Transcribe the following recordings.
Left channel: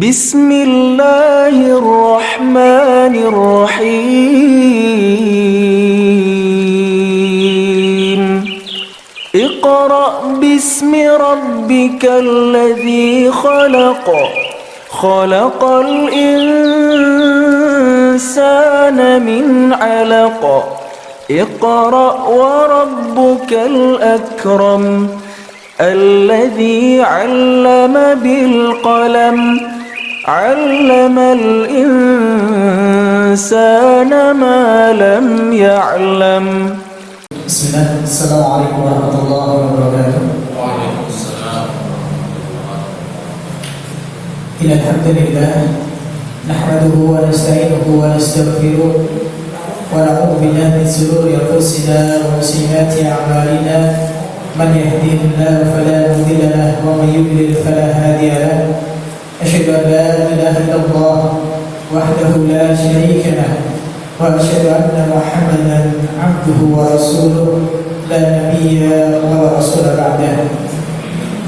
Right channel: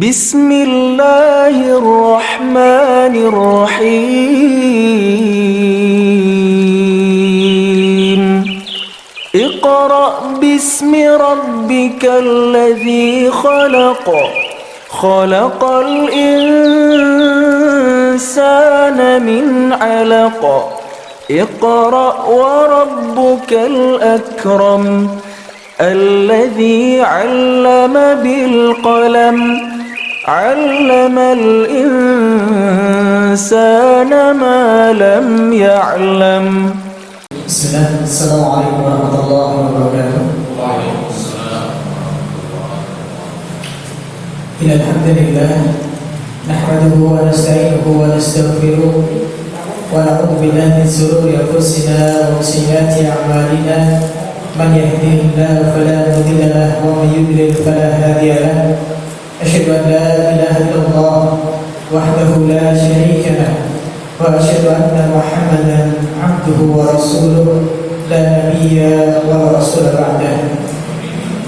Bismillahirrahmanirrahim. Iqra' bismi rabbikal ladzi khalaq. Khalaqal insana min 'alaq. Iqra' wa rabbukal akram. Alladzi 'allama bil qalam. 'Allamal insana ma lam ya'lam. Bismillah, assalamualaikum warahmatullahi wabarakatuh. Innal hamdalillah nahmaduhu wa nasta'inuhu wa nastaghfiruh wa na'udzu billahi min shururi anfusina wa min sayyiati a'malina. Man yahdihillahu fala mudilla lahu wa man yudlil fala hadiya lahu. Asyhadu an la ilaha illallah wahdahu la syarika lahu wa asyhadu anna Muhammadan abduhu wa rasuluh la nabiyya wa rasula ba'dahu.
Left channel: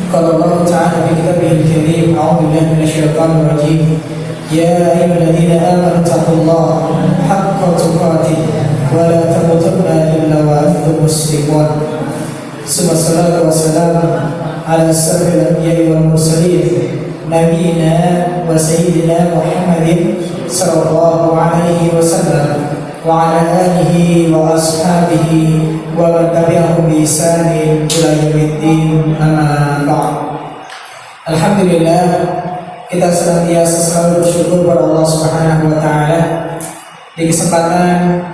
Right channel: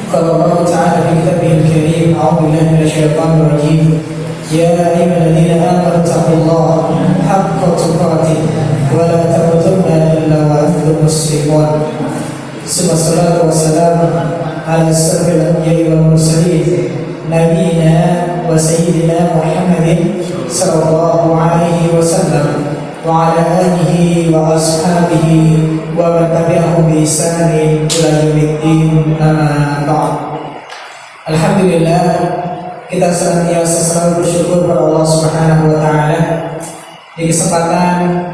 Qala Allah ta'ala fi kitabihil karim, a'udzu billahi minasyaitonir rajim. Ya ayyuhalladzina amanu taqullaha haqqa tuqatih wa la tamutunna illa wa antum muslimun. Sallallahu wasallam ala asyrafil anbiya'i wal mursalin nabiyina wa sayyidina Muhammadin sallallahu alaihi wasallam wa ala alihi wa ashabihi wa man tabi'ahum bi ihsanin ila yaumiddin, amma ba'd. Alhamdulillah, kita senantiasa selalu bersyukur kepada Allah Subhanahu wa taala. Di kesempatan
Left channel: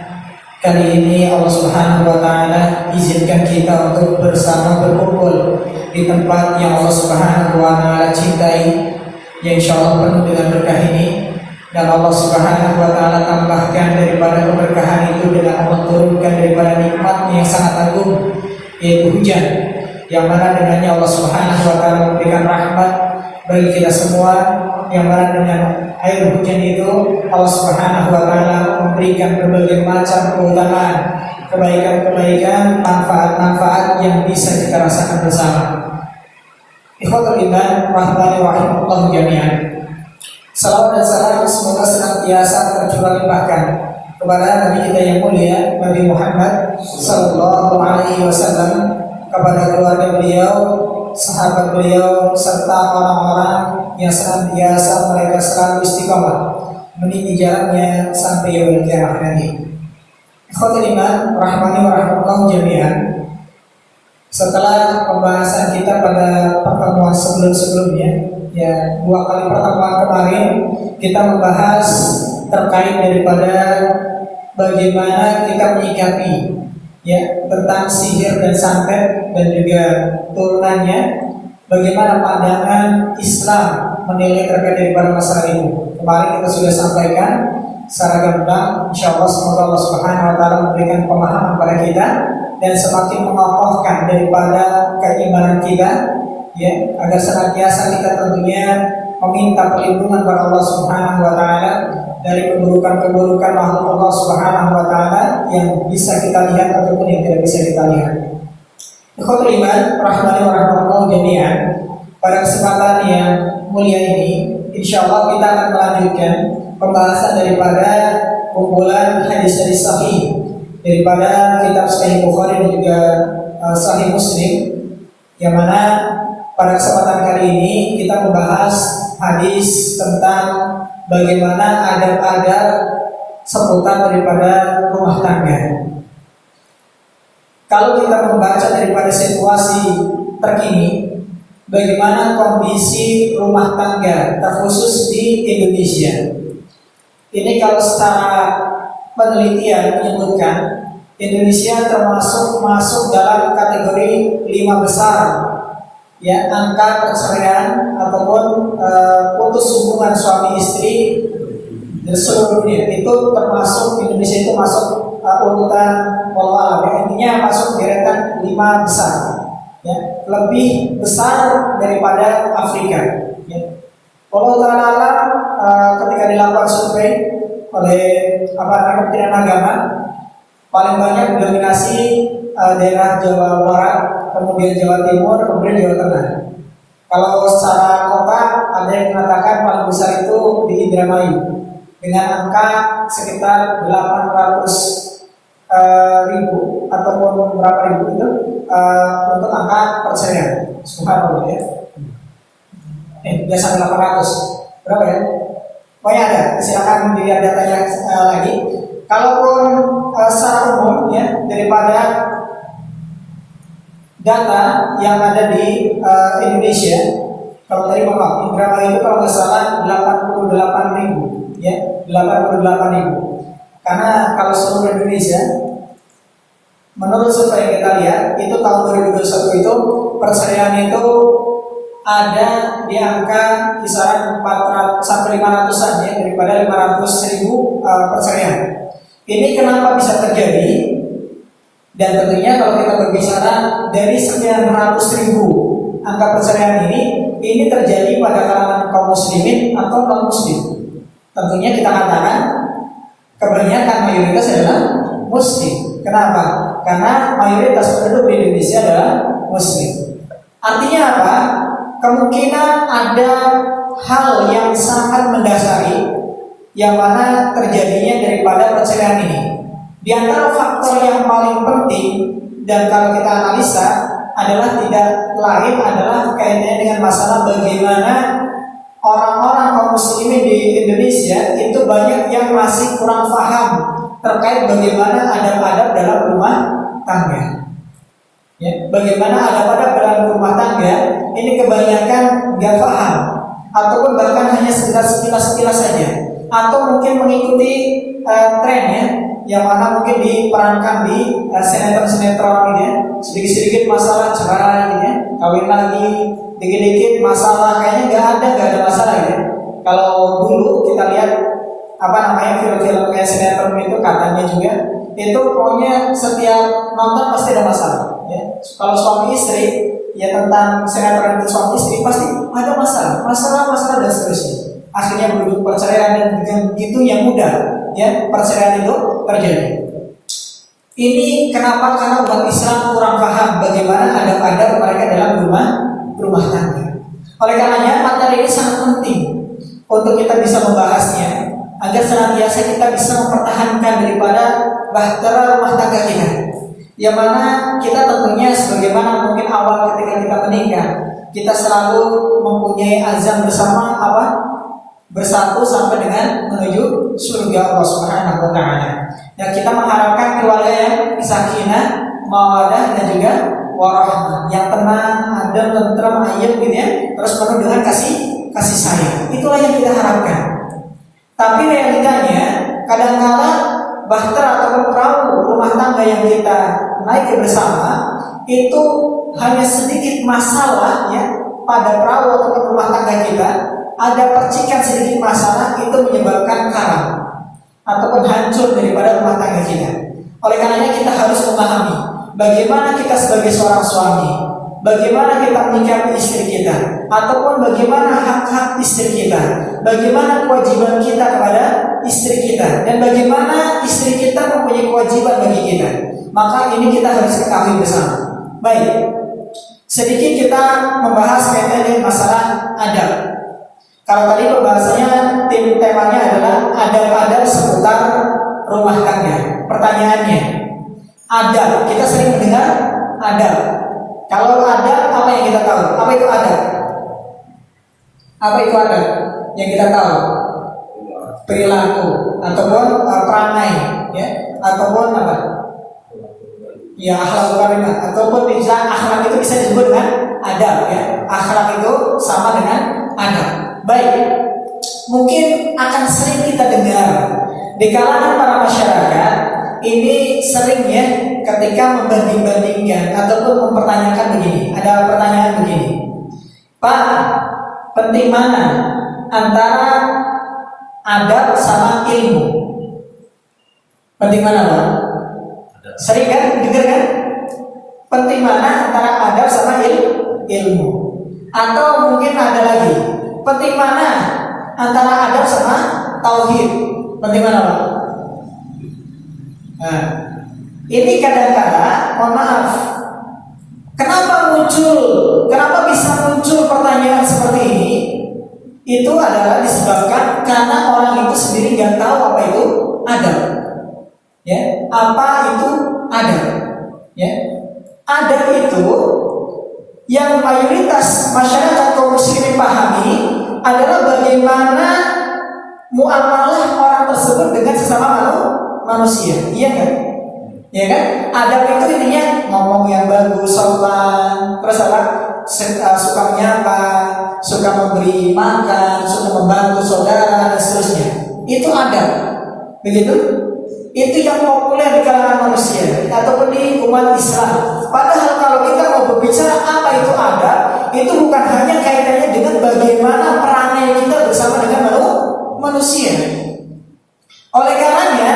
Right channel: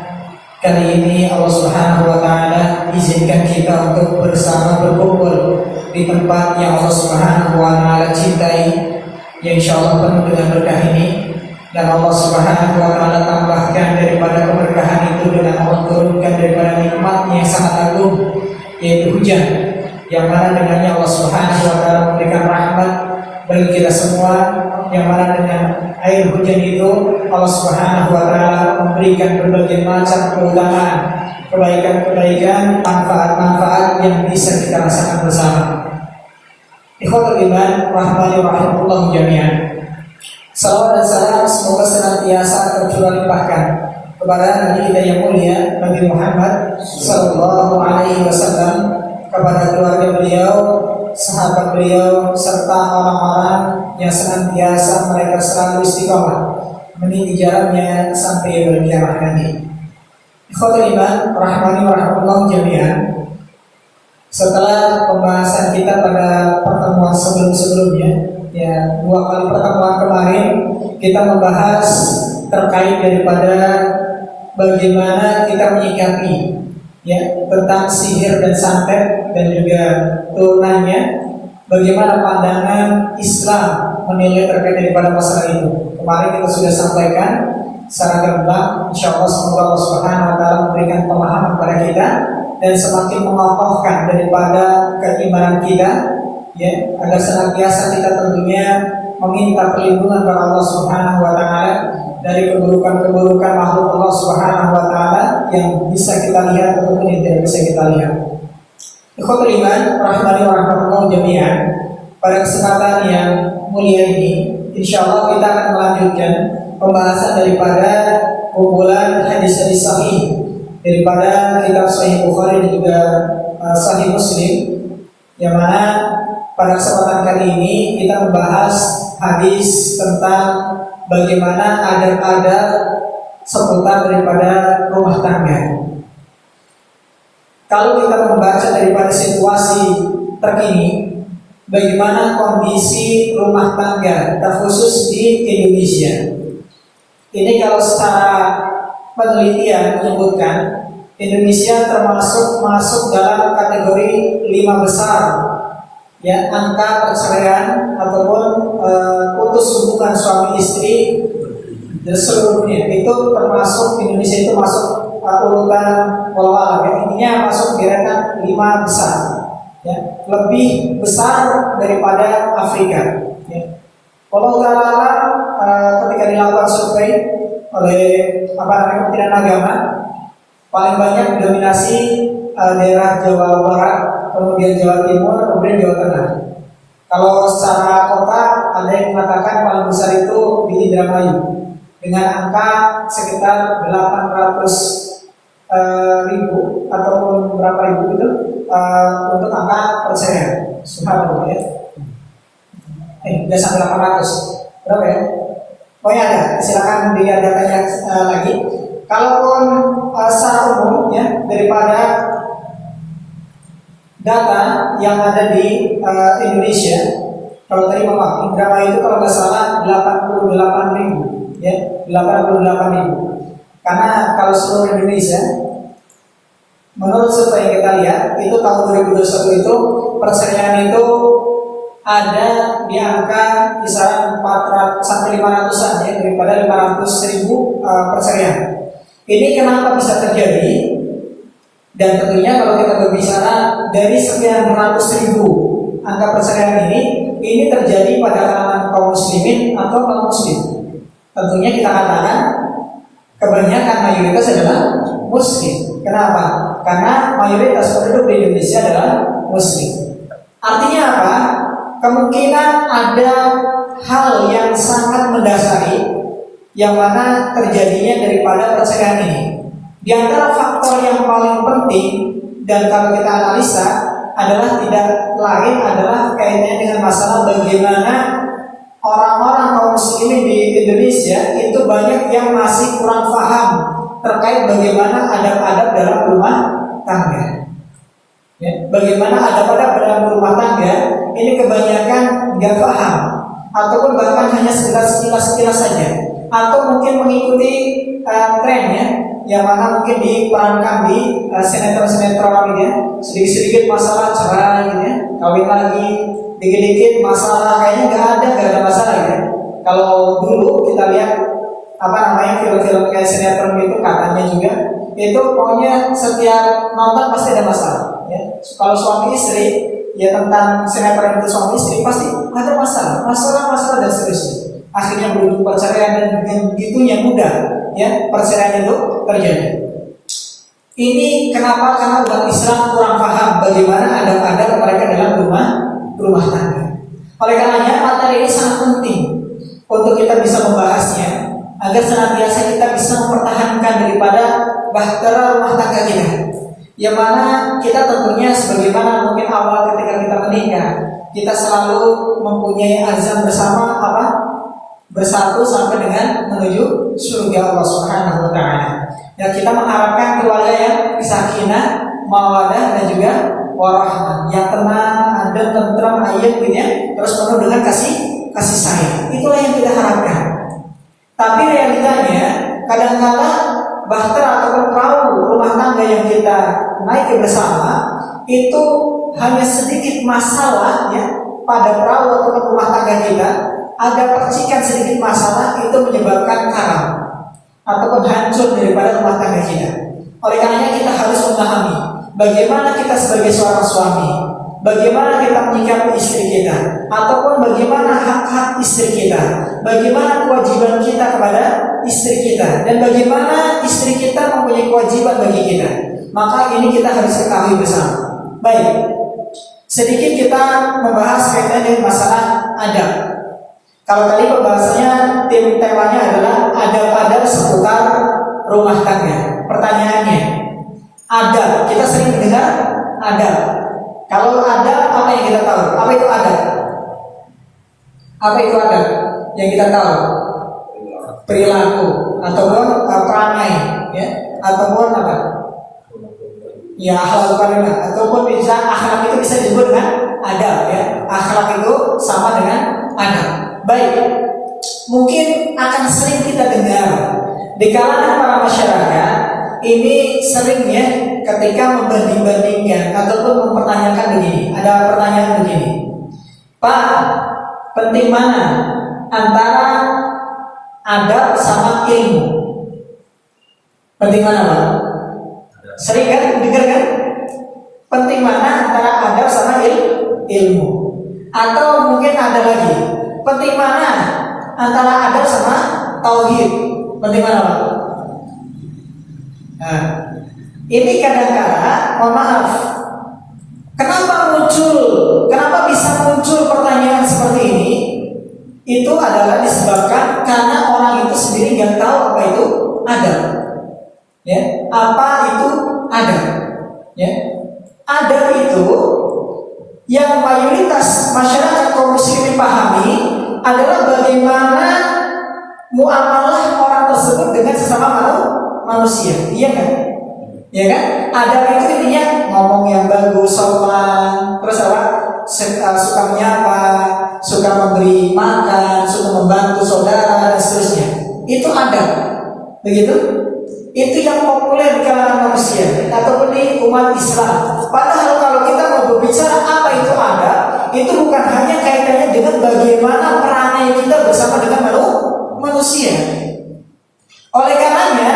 kali ini Allah Subhanahu wa taala izinkan kita untuk bersama berkumpul di tempat yang Allah Subhanahu wa taala cintai, yang insyaallah penuh dengan berkah ini. Dan Allah Subhanahu wa taala tambahkan daripada keberkahan itu dengan Allah turunkan daripada nikmatnya yang sangat agung, yaitu hujan, yang mana dengannya Allah Subhanahu wa taala memberikan rahmat bagi kita semua, yang mana dengan air hujan itu Allah Subhanahu wa taala memberikan berbagai macam keutamaan, kebaikan-kebaikan, manfaat-manfaat yang bisa kita rasakan bersama. Ikhwatul iman rahmani rahimahullah jami'an. Salawat dan salam semoga senantiasa tercurah limpahkan kepada Nabi kita yang mulia, Nabi Muhammad sallallahu alaihi wasallam, kepada keluarga beliau, sahabat beliau, serta orang-orang yang senantiasa mereka selalu istiqomah meniti jalannya sampai yaumil qiyamah nanti. Ikhwatul iman rahmani wa rahmatullah jami'an. Setelah pembahasan kita pada pertemuan sebelum-sebelumnya, ya, 2 kali pertemuan kemarin kita membahas terkait daripada bagaimana kita menyikapi, ya, tentang sihir dan santet dan juga turunannya, bagaimana pandangan Islam menilai terkait daripada masalah itu. Kemarin kita sudah sampaikan secara gamblang. Insyaallah semoga Allah Subhanahu wa taala memberikan pemahaman pada kita dan semakin mengokohkan daripada keimanan kita, ya, agar senantiasa kita tentunya meminta perlindungan kepada Allah Subhanahu wa taala dari keburukan-keburukan makhluk Allah Subhanahu wa taala yang bisa kita lihat ataupun yang tidak bisa kita lihat. Ikhwatul iman rahmani wa rahmatullah jami'an. Pada kesempatan yang mulia ini, insyaallah kita akan melanjutkan pembahasan daripada kumpulan hadis-hadis sahih daripada kitab Sahih Bukhari dan juga Sahih Muslim, yang mana pada kesempatan kali ini kita membahas hadis tentang bagaimana adab-adab seputar daripada rumah tangga. Kalau kita membaca daripada situasi terkini, bagaimana kondisi rumah tangga terkhusus di Indonesia. Ini kalau secara penelitian menyebutkan Indonesia masuk dalam kategori 5 besar, ya, angka perceraian ataupun putus hubungan suami istri di seluruh dunia. Itu termasuk Indonesia itu masuk urutan walau ya, intinya masuk deretan 5 besar, ya, lebih besar daripada Afrika, ya. Walau ta'ala ketika dilakukan survei oleh Kementerian Agama, paling banyak dominasi daerah Jawa Barat, kemudian Jawa Timur, kemudian Jawa Tengah. Kalau secara kota ada yang mengatakan paling besar itu di Indramayu dengan angka sekitar 800.000 ataupun berapa ribu itu untuk angka perceraian. Subhanallah ya. Udah sampai 800 berapa ya? Pokoknya ada. Silakan dilihat datanya lagi. Kalaupun secara umum ya, daripada data yang ada di Indonesia, kalau tadi maaf, Indramayu itu kalau nggak salah 88.000 ya, 88.000. Karena kalau seluruh Indonesia, menurut survei yang kita lihat, itu tahun 2021 itu perceraian itu ada di angka kisaran 400 sampai 500-an ya, daripada 500.000 perceraian. Ini kenapa bisa terjadi? Dan tentunya kalau kita berbicara dari 900.000 angka perceraian ini terjadi pada kalangan kaum muslimin atau kaum muslim. Tentunya kita katakan kebanyakan mayoritas adalah muslim. Kenapa? Karena mayoritas penduduk di Indonesia adalah muslim. Artinya apa? Kemungkinan ada hal yang sangat mendasari yang mana terjadinya daripada perceraian ini. Di antara faktor yang paling penting dan kalau kita analisa adalah tidak lain adalah kaitannya dengan masalah bagaimana orang-orang kaum muslimin di Indonesia itu banyak yang masih kurang paham terkait bagaimana adab-adab dalam rumah tangga. Ya, bagaimana adab-adab dalam rumah tangga ini kebanyakan nggak paham ataupun bahkan hanya sekilas-sekilas saja atau mungkin mengikuti tren ya, yang mana mungkin diperankan di sinetron-sinetron gitu ya, sedikit-sedikit masalah cerai gitu ya, kawin lagi, dikit-dikit masalah kayaknya nggak ada masalah gitu ya. Kalau dulu kita lihat film-film kayak sinetron itu katanya juga itu pokoknya setiap nonton pasti ada masalah ya. Kalau suami istri ya, tentang sinetron itu suami istri pasti ada masalah dan seterusnya. Akhirnya berujung perceraian dan dengan begitunya mudah ya perceraian itu terjadi. Ini kenapa? Karena umat Islam kurang paham bagaimana adab-adab mereka dalam rumah tangga. Oleh karenanya materi ini sangat penting untuk kita bisa membahasnya agar senantiasa kita bisa mempertahankan daripada bahtera rumah tangga kita. Yang mana kita tentunya sebagaimana mungkin awal ketika kita menikah, kita selalu mempunyai azam bersama bersatu sampai dengan menuju surga Allah Subhanahu wa taala. Dan kita mengharapkan keluarga yang sakinah, mawaddah dan juga warahmah, yang tenang, adem, tentram, ayem gitu ya, terus penuh dengan kasih sayang. Itulah yang kita harapkan. Tapi realitanya kadang-kala bahtera atau perahu rumah tangga yang kita naiki bersama itu hanya sedikit masalah ya pada perahu atau rumah tangga kita. Ada percikan sedikit masalah itu menyebabkan karam ataupun hancur daripada rumah tangga kita. Oleh karenanya kita harus memahami bagaimana kita sebagai seorang suami, bagaimana kita menyikapi istri kita, ataupun bagaimana hak-hak istri kita, bagaimana kewajiban kita kepada istri kita, dan bagaimana istri kita mempunyai kewajiban bagi kita. Maka ini kita harus ketahui bersama. Baik, sedikit kita membahas kaitan dengan masalah adab. Kalau tadi pembahasannya temanya adalah adab-adab seputar rumah tangga. Pertanyaannya, adab, kita sering mendengar adab. Kalau adab, apa yang kita tahu? Apa itu adab? Apa itu adab yang kita tahu? Perilaku ataupun perangai, ya, ataupun apa? Ya, akhlak karimah, ataupun bisa akhlak itu bisa disebut dengan adab, ya. Akhlak itu sama dengan adab. Baik, mungkin akan sering kita dengar di kalangan para masyarakat ini seringnya ketika membanding-bandingkan ataupun mempertanyakan begini. Ada pertanyaan begini, Pak, penting mana antara adab sama ilmu? Penting mana, Pak? Sering kan dengar kan? Penting mana antara adab sama ilmu? Atau mungkin ada lagi, penting mana antara adab sama tauhid? Penting mana, Pak? Nah, ini kadang-kadang, mohon maaf, kenapa bisa muncul pertanyaan seperti ini? Apa itu adab? Ya. Adab itu yang mayoritas masyarakat kaum muslimin pahami adalah bagaimana muamalah orang tersebut dengan sesama manusia. Iya kan? Ya kan? Adab itu intinya ngomong yang bagus, sopan, terus apa? Suka menyapa, suka memberi makan, suka membantu saudara dan seterusnya. Itu adab. Begitu? Itu yang populer di kalangan manusia ataupun di umat Islam. Padahal kalau kita mau berbicara apa itu adab, itu bukan hanya kaitannya dengan bagaimana perangai kita bersama dengan manusia. Oleh karenanya,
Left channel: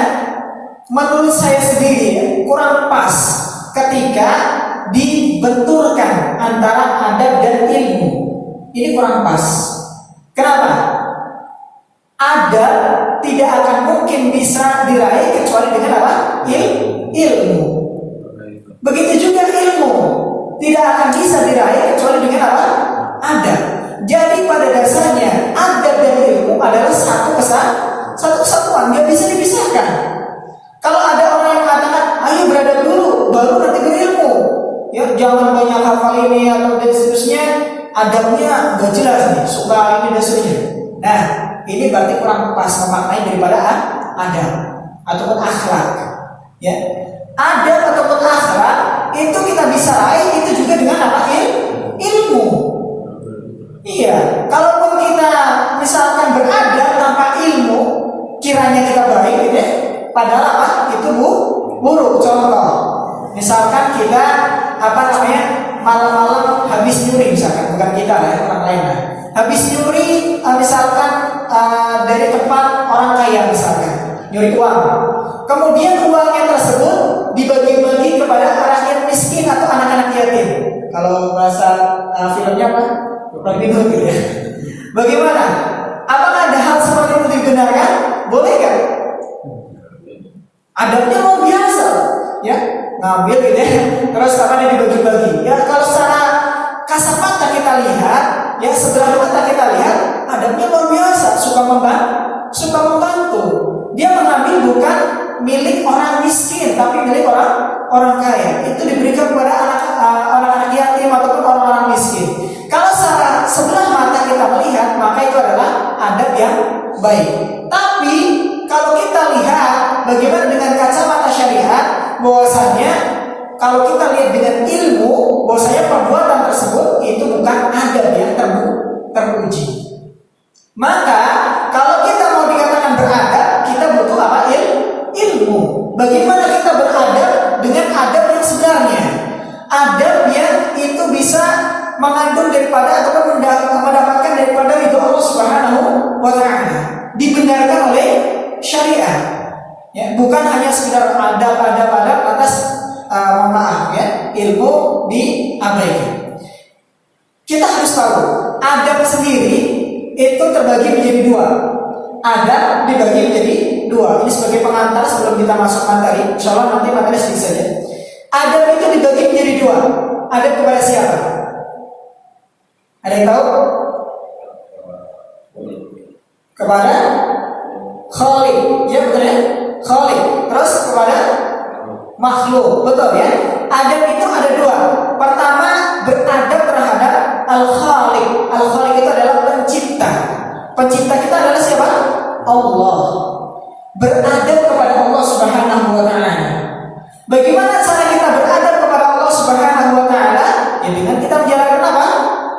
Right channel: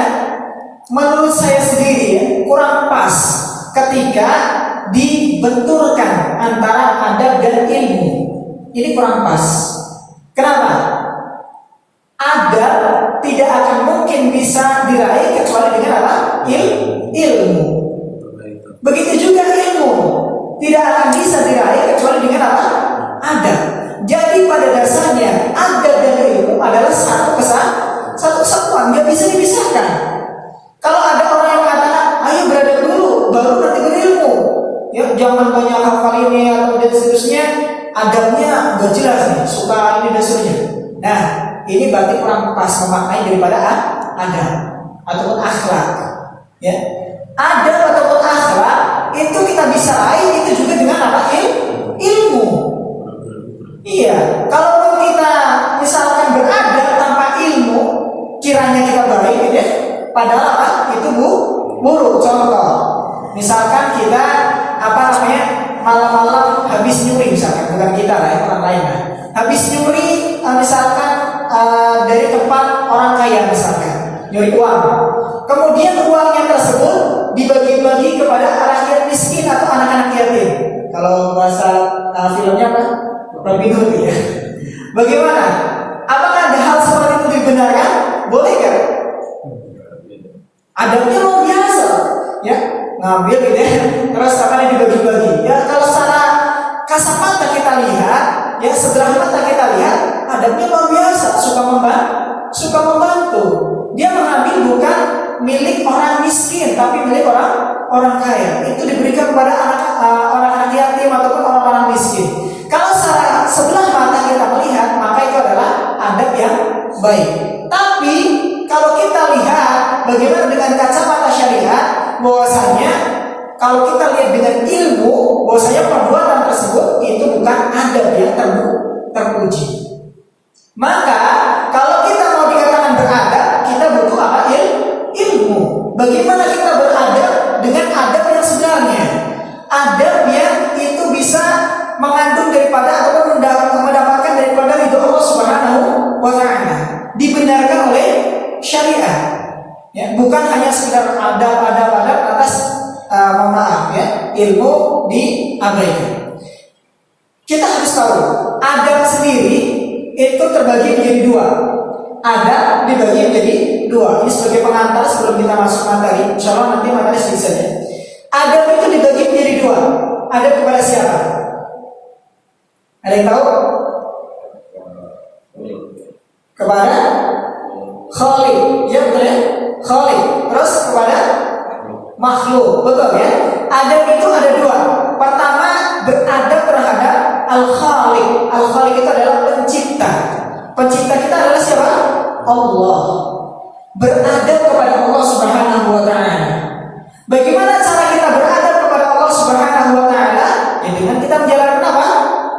menurut saya sendiri kurang pas ketika dibenturkan antara adab dan ilmu. Ini kurang pas. Kenapa? Adab tidak akan mungkin bisa diraih kecuali dengan apa? Ilmu. Begitu juga ilmu tidak akan bisa diraih kecuali dengan apa? Adab. Jadi pada dasarnya adab dan ilmu adalah satu kesatuan, nggak bisa dipisahkan. Kalau ada orang yang mengatakan, ayo beradab dulu, baru nanti berilmu. Ya, jangan banyak hafal ini atau dan seterusnya. Adabnya nggak jelas nih, suka ini dan seterusnya. Nah, ini berarti kurang pas memaknai daripada adab ataupun akhlak. Ya, adab ataupun akhlak itu kita bisa raih itu juga dengan apa? Ilmu. Iya, kalaupun kita misalkan beradab tanpa ilmu, kiranya kita baik, ya. Padahal apa? Itu buruk. Contoh, misalkan kita malam-malam habis nyuri, misalkan bukan kita lah, orang lain lah. Habis nyuri, misalkan dari tempat orang kaya, misalkan nyuri uang. Kemudian uangnya tersebut dibagi-bagi kepada rakyat miskin atau anak-anak yatim. Kalau bahasa filmnya apa? Robin Hood ya. Bagaimana? Apakah ada hal seperti itu dibenarkan? Boleh kan? Adabnya luar biasa, ya, ngambil gitu ya, terus apa dibagi-bagi. Ya, kalau secara kasat mata kita lihat, ya sebelah mata kita lihat, adabnya luar biasa, suka membantu. Dia mengambil bukan milik orang miskin, tapi milik orang kaya. Itu diberikan kepada anak-anak yatim ataupun orang-orang miskin. Kalau secara sebelah mata kita melihat, maka itu adalah adab yang baik. Tapi kalau kita lihat bagaimana dengan kacamata syariat, bahwasanya kalau kita lihat dengan ilmu, bahwasanya perbuatan tersebut itu bukan adab yang terpuji. Maka kalau kita mau dikatakan beradab, kita butuh apa? Ilmu. Bagaimana kita beradab dengan adab yang sebenarnya? Adab yang itu bisa mengandung daripada ataupun mendapatkan daripada ridho Allah Subhanahu wa Ta'ala, dibenarkan oleh syariat, ya, bukan hanya sekedar adab atas maaf ya, ilmu diabaikan. Kita harus tahu adab sendiri itu terbagi menjadi dua. Adab dibagi menjadi dua. Ini sebagai pengantar sebelum kita masuk materi. Insya Allah nanti materi sedikit saja. Adab itu dibagi menjadi dua. Adab kepada siapa? Ada yang tahu? Kepada Khalik, ya betul ya? Khalik. Terus kepada makhluk, betul ya? Adab itu ada dua. Pertama, beradab terhadap Al-Khalik. Al-Khalik itu adalah pencipta. Pencipta kita adalah siapa? Allah. Beradab kepada Allah Subhanahu wa Ta'ala. Bagaimana cara kita beradab kepada Allah Subhanahu wa Ta'ala? Ya dengan kita menjalankan apa?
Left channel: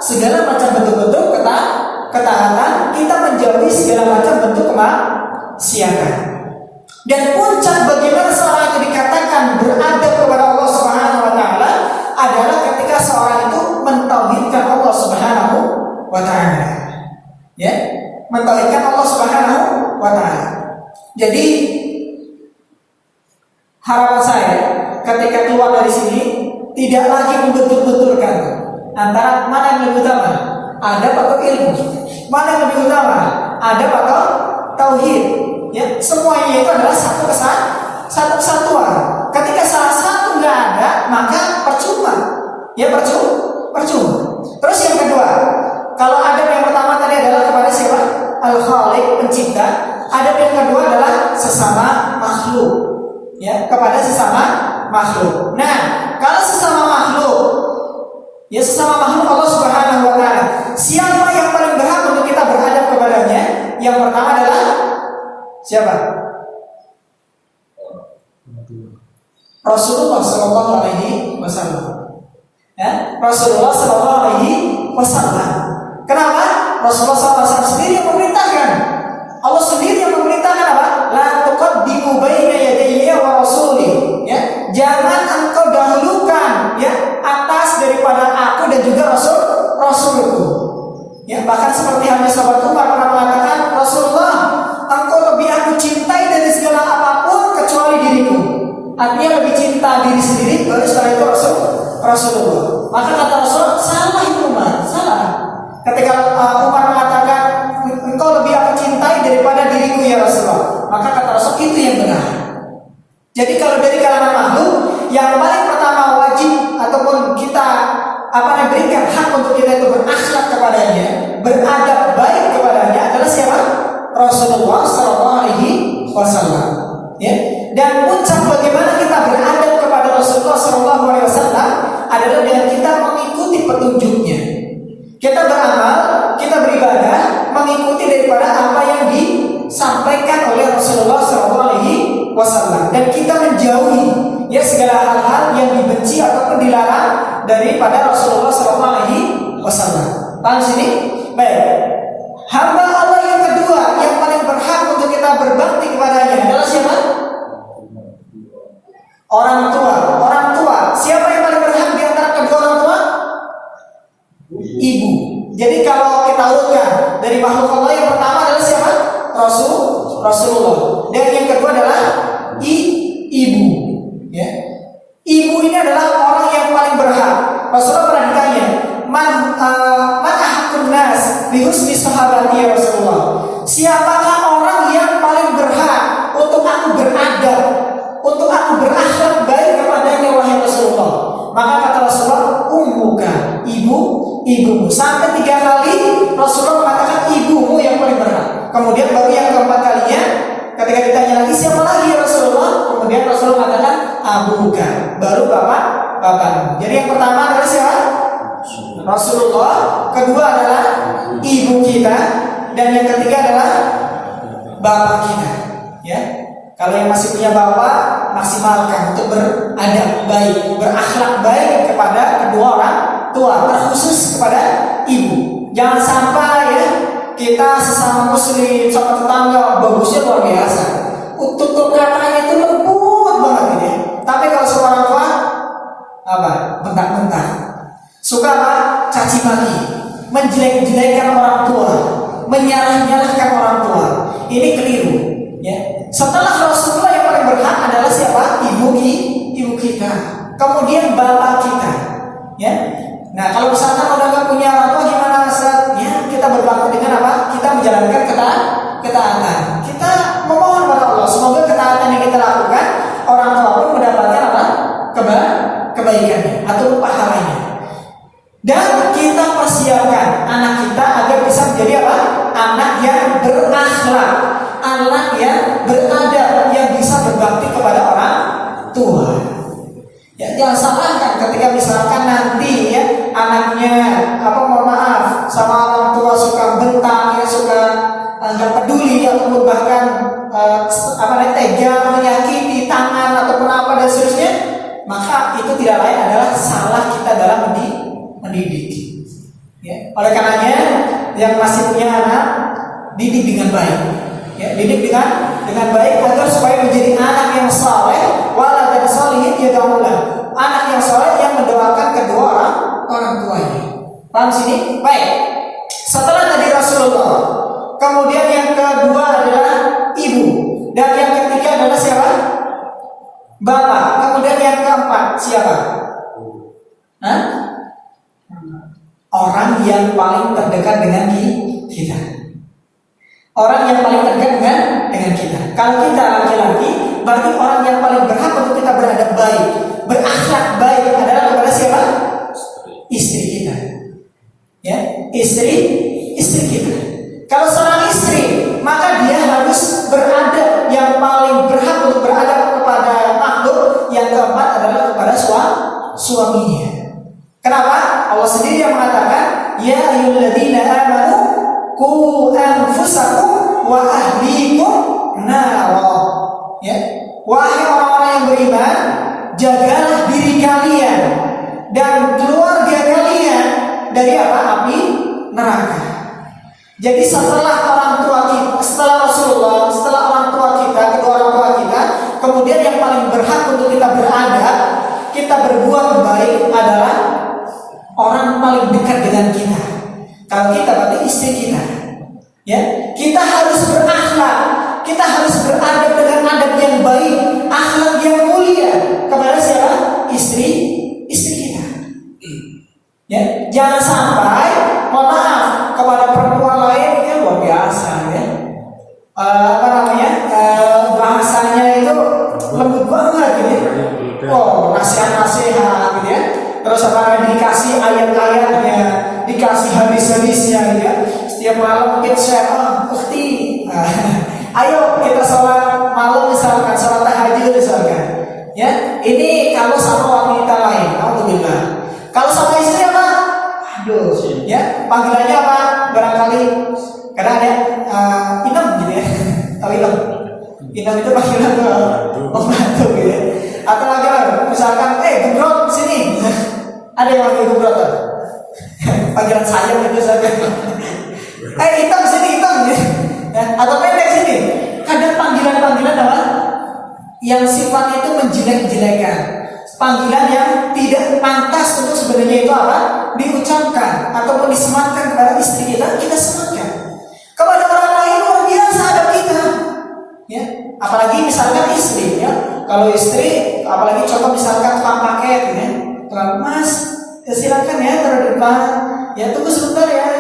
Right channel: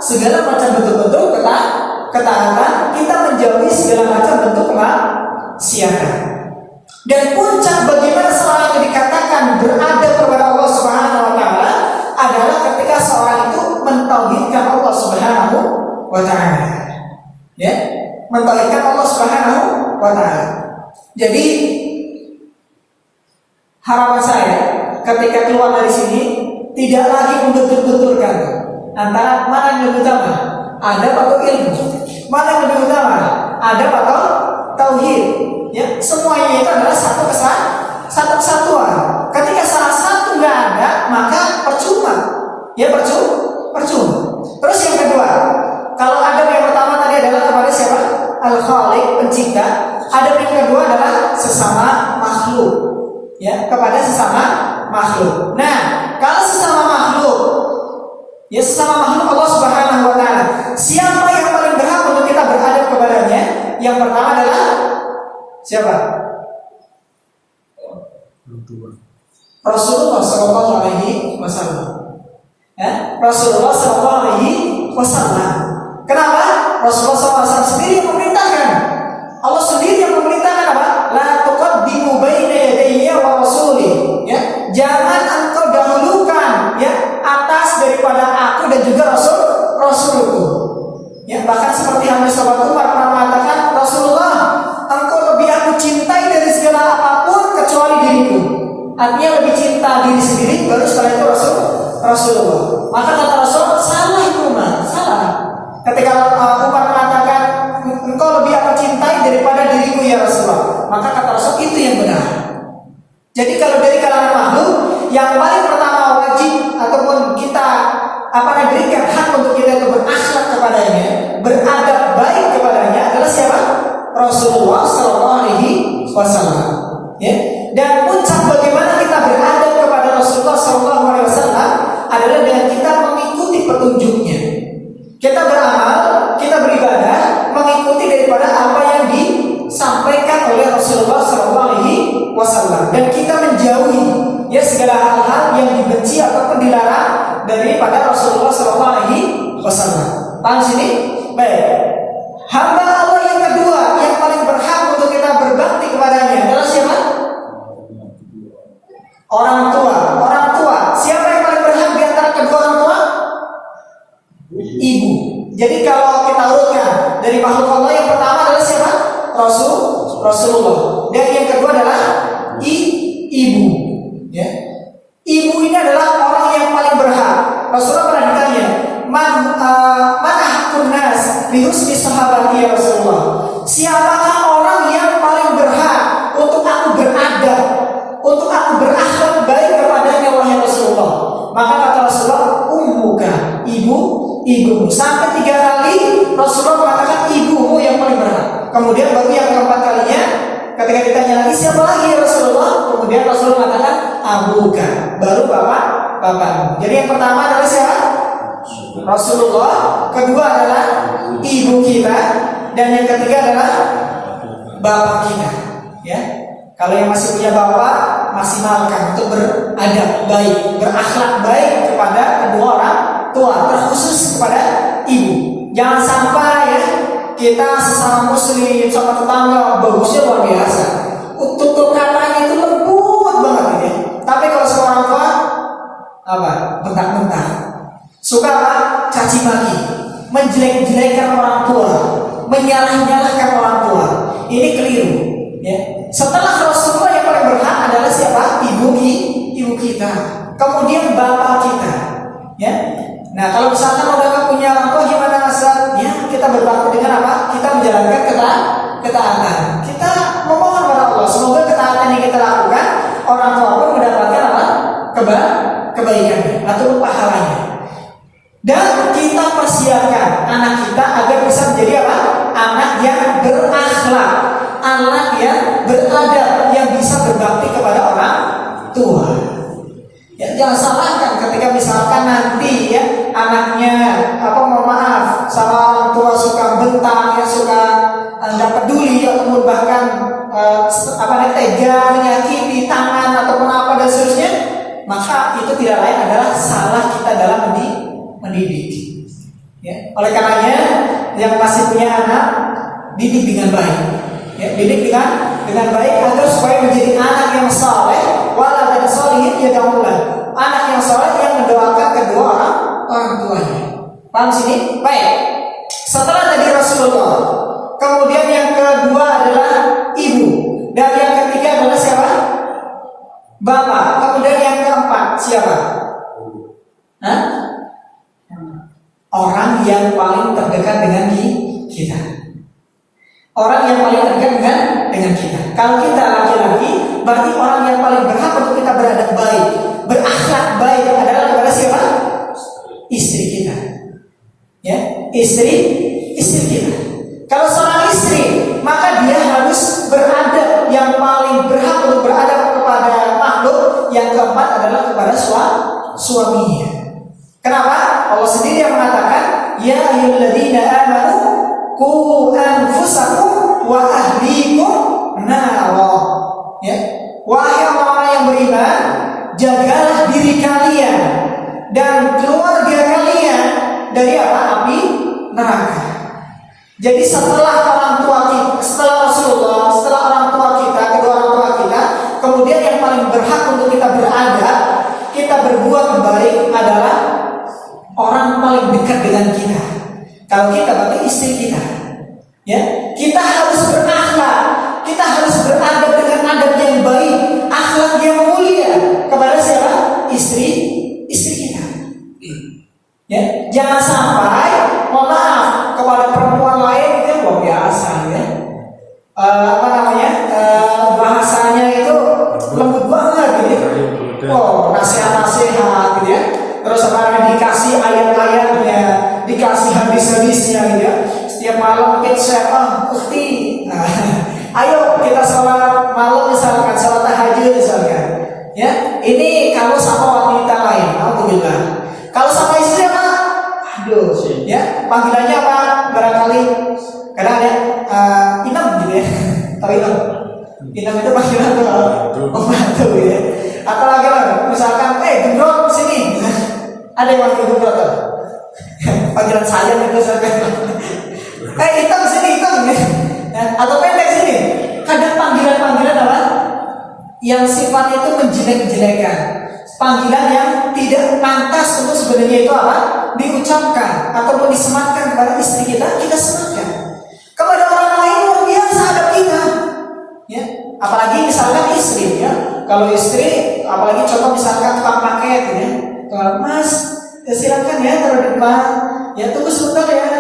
Segala macam bentuk-bentuk ketaatan, kita menjauhi segala macam bentuk kemaksiatan. Dan puncak bagaimana seorang itu dikatakan beradab kepada Allah Subhanahu wa Ta'ala adalah ketika seorang itu mentauhidkan Allah Subhanahu wa Ta'ala. Ya, mentauhidkan Allah Subhanahu wa Ta'ala. Jadi harapan saya ketika keluar dari sini tidak lagi membentur-benturkan antara mana yang lebih utama, adab atau ilmu, mana yang lebih utama, adab atau tauhid. Ya, semuanya itu adalah satu kesatuan. Ketika salah satu nggak ada, maka percuma. Ya percuma. Terus yang kedua, kalau adab yang pertama tadi adalah kepada siapa? Al-Khaliq, pencipta. Adab yang kedua adalah sesama makhluk. ya kepada sesama makhluk. Nah, kalau sesama makhluk, ya sesama makhluk Allah Subhanahu wa taala, siapa yang paling berhak untuk kita beradab kepadanya? Yang pertama adalah siapa? Rasulullah Shallallahu Alaihi Wasallam. Ya, Rasulullah Shallallahu Alaihi Wasallam. Kenapa? Rasulullah SAW sendiri yang memerintahkan. Allah sendiri yang memerintahkan apa? La tuqaddimu baina yadayya wa rasuli. Ya, jangan engkau dahulukan ya atas daripada aku dan juga Rasulku. Ya, bahkan seperti halnya sahabat Umar pernah mengatakan, Rasulullah, engkau lebih aku cintai dari segala apapun kecuali diriku. Artinya lebih cinta diri sendiri baru setelah itu Rasulullah. Maka kata Rasulullah, salah itu Umar, salah. Ketika Umar mengatakan engkau lebih aku cintai daripada diriku ya Rasulullah, maka kata Rasul itu yang benar. Jadi kalau dari kalangan makhluk, yang paling pertama wajib ataupun kita berikan hak untuk kita itu berakhlak kepadanya, beradab baik kepadanya adalah siapa? Rasulullah Sallallahu Alaihi Wasallam. Ya. Dan puncak bagaimana kita beradab kepada Rasulullah Sallallahu Alaihi Wasallam adalah dengan kita mengikuti petunjuknya. Kita beramal, kita beribadah mengikuti daripada apa yang disampaikan oleh Rasulullah Sallallahu Alaihi Wasallam, dan kita menjauhi ya segala hal-hal yang dibenci ataupun dilarang daripada Rasulullah Sallallahu Alaihi Wasallam. Paham sini? Baik. Hamba Allah yang kedua yang paling berhak untuk kita berbakti kepadanya adalah siapa? Orang tua. Orang tua. Siapa yang paling berhak di antara kedua orang tua? Ibu. Jadi kalau kita urutkan dari makhluk Allah, yang pertama adalah siapa? Rasulullah. Dan yang kedua adalah ibu. Ya. Ibu ini adalah orang yang paling berhak. Rasulullah pernah ditanya, Man ahakun nas bi husni sahabati ya Rasulullah. Siapakah orang yang paling berhak untuk aku beradab, untuk aku berakhlak baik kepadanya wahai Rasulullah? Maka kata Rasulullah, ummuka, ibumu. Sampai 3 kali Rasulullah mengatakan ibumu yang paling berhak. Kemudian baru yang keempat kalinya ketika ditanya lagi siapa lagi ya Rasulullah, kemudian Rasulullah mengatakan abuka, baru bapakmu. Jadi yang pertama adalah siapa? Rasulullah. Kedua adalah ibu kita, dan yang ketiga adalah bapak kita. Ya. Kalau yang masih punya bapak, maksimalkan untuk beradab baik, berakhlak baik kepada kedua orang tua, terkhusus kepada ibu. Jangan sampai ya kita sesama muslim, sama tetangga bagusnya luar biasa, tutur katanya itu lembut banget ya. Tapi kalau sama orang tua bentak-bentak, suka caci maki, menjelek-jelekan orang tua, menyalah-nyalahkan orang tua. Ini keliru. Ya. Setelah Rasulullah yang paling berhak adalah siapa? Ibu kita. Kemudian bapak kita. Ya. Nah, kalau misalkan udah gak punya orang tua gimana Ustaz? Ya, kita berbakti dengan apa? Kita menjalankan ketaatan. Kita memohon pada Allah semoga ketaatan yang kita lakukan orang tua pun mendapatkan apa? Kebaikannya atau pahalanya. Dan kita persiapkan anak kita agar bisa menjadi apa? Anak yang berakhlak, anak yang beradab, yang bisa berbakti kepada orang tua. Ya, jangan salahkan ketika misalkan nanti ya anaknya mohon maaf sama orang tua suka bentak ya, suka nggak peduli ataupun bahkan tega menyakiti tangan ataupun apa dan seterusnya, maka itu tidak lain adalah salah kita dalam mendidik. Ya, oleh karenanya yang masih punya anak, didik dengan baik. Ya, didik dengan baik agar supaya menjadi anak yang saleh, waladan sholihin yad'ulah. Anak yang saleh yang mendoakan kedua orang tuanya. Paham sini? Baik. Setelah tadi Rasulullah, kemudian yang kedua adalah ibu, dan yang ketiga adalah siapa? Bapak. Kemudian yang keempat siapa? Orang yang paling terdekat dengan kita. Orang yang paling terdekat dengan kita. Kalau kita laki-laki, berarti orang yang paling berhak untuk kita beradab baik, berakhlak baik adalah kepada siapa? Istri kita. Ya, istri kita. Kalau seorang istri, maka dia harus beradab, yang paling berhak untuk beradab kepada makhluk yang keempat adalah kepada suaminya. Kenapa? Allah sendiri yang mengatakan, ya ayyuhalladzina amanu qu anfusakum wa ahlikum nara. Ya, wahai orang-orang yang beriman, jagalah diri kalian dan keluarga kalian dari apa? Api neraka. Jadi setelah orang tua kita, setelah Rasulullah, setelah orang tua kita, kedua orang tua kita, kemudian yang paling berhak untuk kita beradab, kita berbuat baik adalah orang paling dekat dengan kita. Kalau kita berarti istri kita. Ya, kita harus berakhlak, kita harus beradab dengan adab yang baik, akhlak yang mulia kepada siapa? Istri kita. Ya, jangan sampai, mohon maaf, kepada perempuan lain yang luar biasa, ya. Bahasanya itu lembut banget, gitu. Oh, nasihat-nasihat, gitu ya. Terus dikasih ayat-ayatnya, dikasih hadis-hadisnya, gitu ya. Setiap malam mungkin saya, ayo kita sholat malam misalkan, sholat tahajud misalkan. Ya, ini kalau sama wanita lain, alhamdulillah. Kalau sama istri apa? Aduh, ya panggilannya apa? Barangkali kadang ada inem gitu ya. Tahu inem? Inem itu panggilan pembantu gitu ya. Atau lagi misalkan, gembrot sini. Ada yang manggil gembrot tuh. Panggilan saya itu misalkan. Hitam sini, hitam ya. Atau pendek sini. Kadang panggilan-panggilan apa? Yang sifatnya itu menjelek-jelekan, panggilan yang tidak pantas untuk sebenarnya itu apa? Diucapkan ataupun disematkan kepada istri kita sematkan. Kepada orang lain luar biasa adab kita. Ya, apalagi misalkan istri ya. Kalau istri, apalagi contoh misalkan tukang paket ya. Mas, silakan ya taruh depan. Ya tunggu sebentar ya.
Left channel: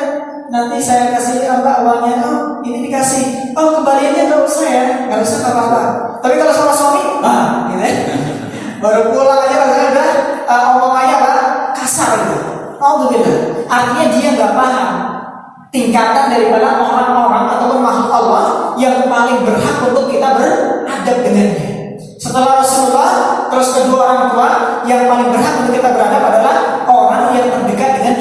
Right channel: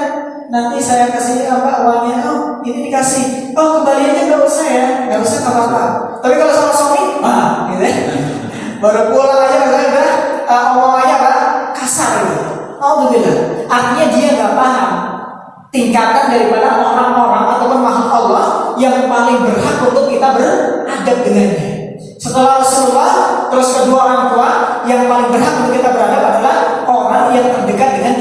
Nanti saya kasih uangnya. Oh, ini dikasih. Oh, kembaliannya nggak usah ya. Nggak usah, nggak apa-apa. Tapi kalau sama suami, gitu ya. Baru pulang aja rasanya udah omongannya apa? Kasar gitu. Alhamdulillah. Artinya dia nggak paham tingkatan daripada orang-orang ataupun makhluk Allah yang paling berhak untuk kita beradab dengannya. Setelah Rasulullah, terus kedua orang tua yang paling berhak untuk kita beradab adalah orang yang terdekat dengan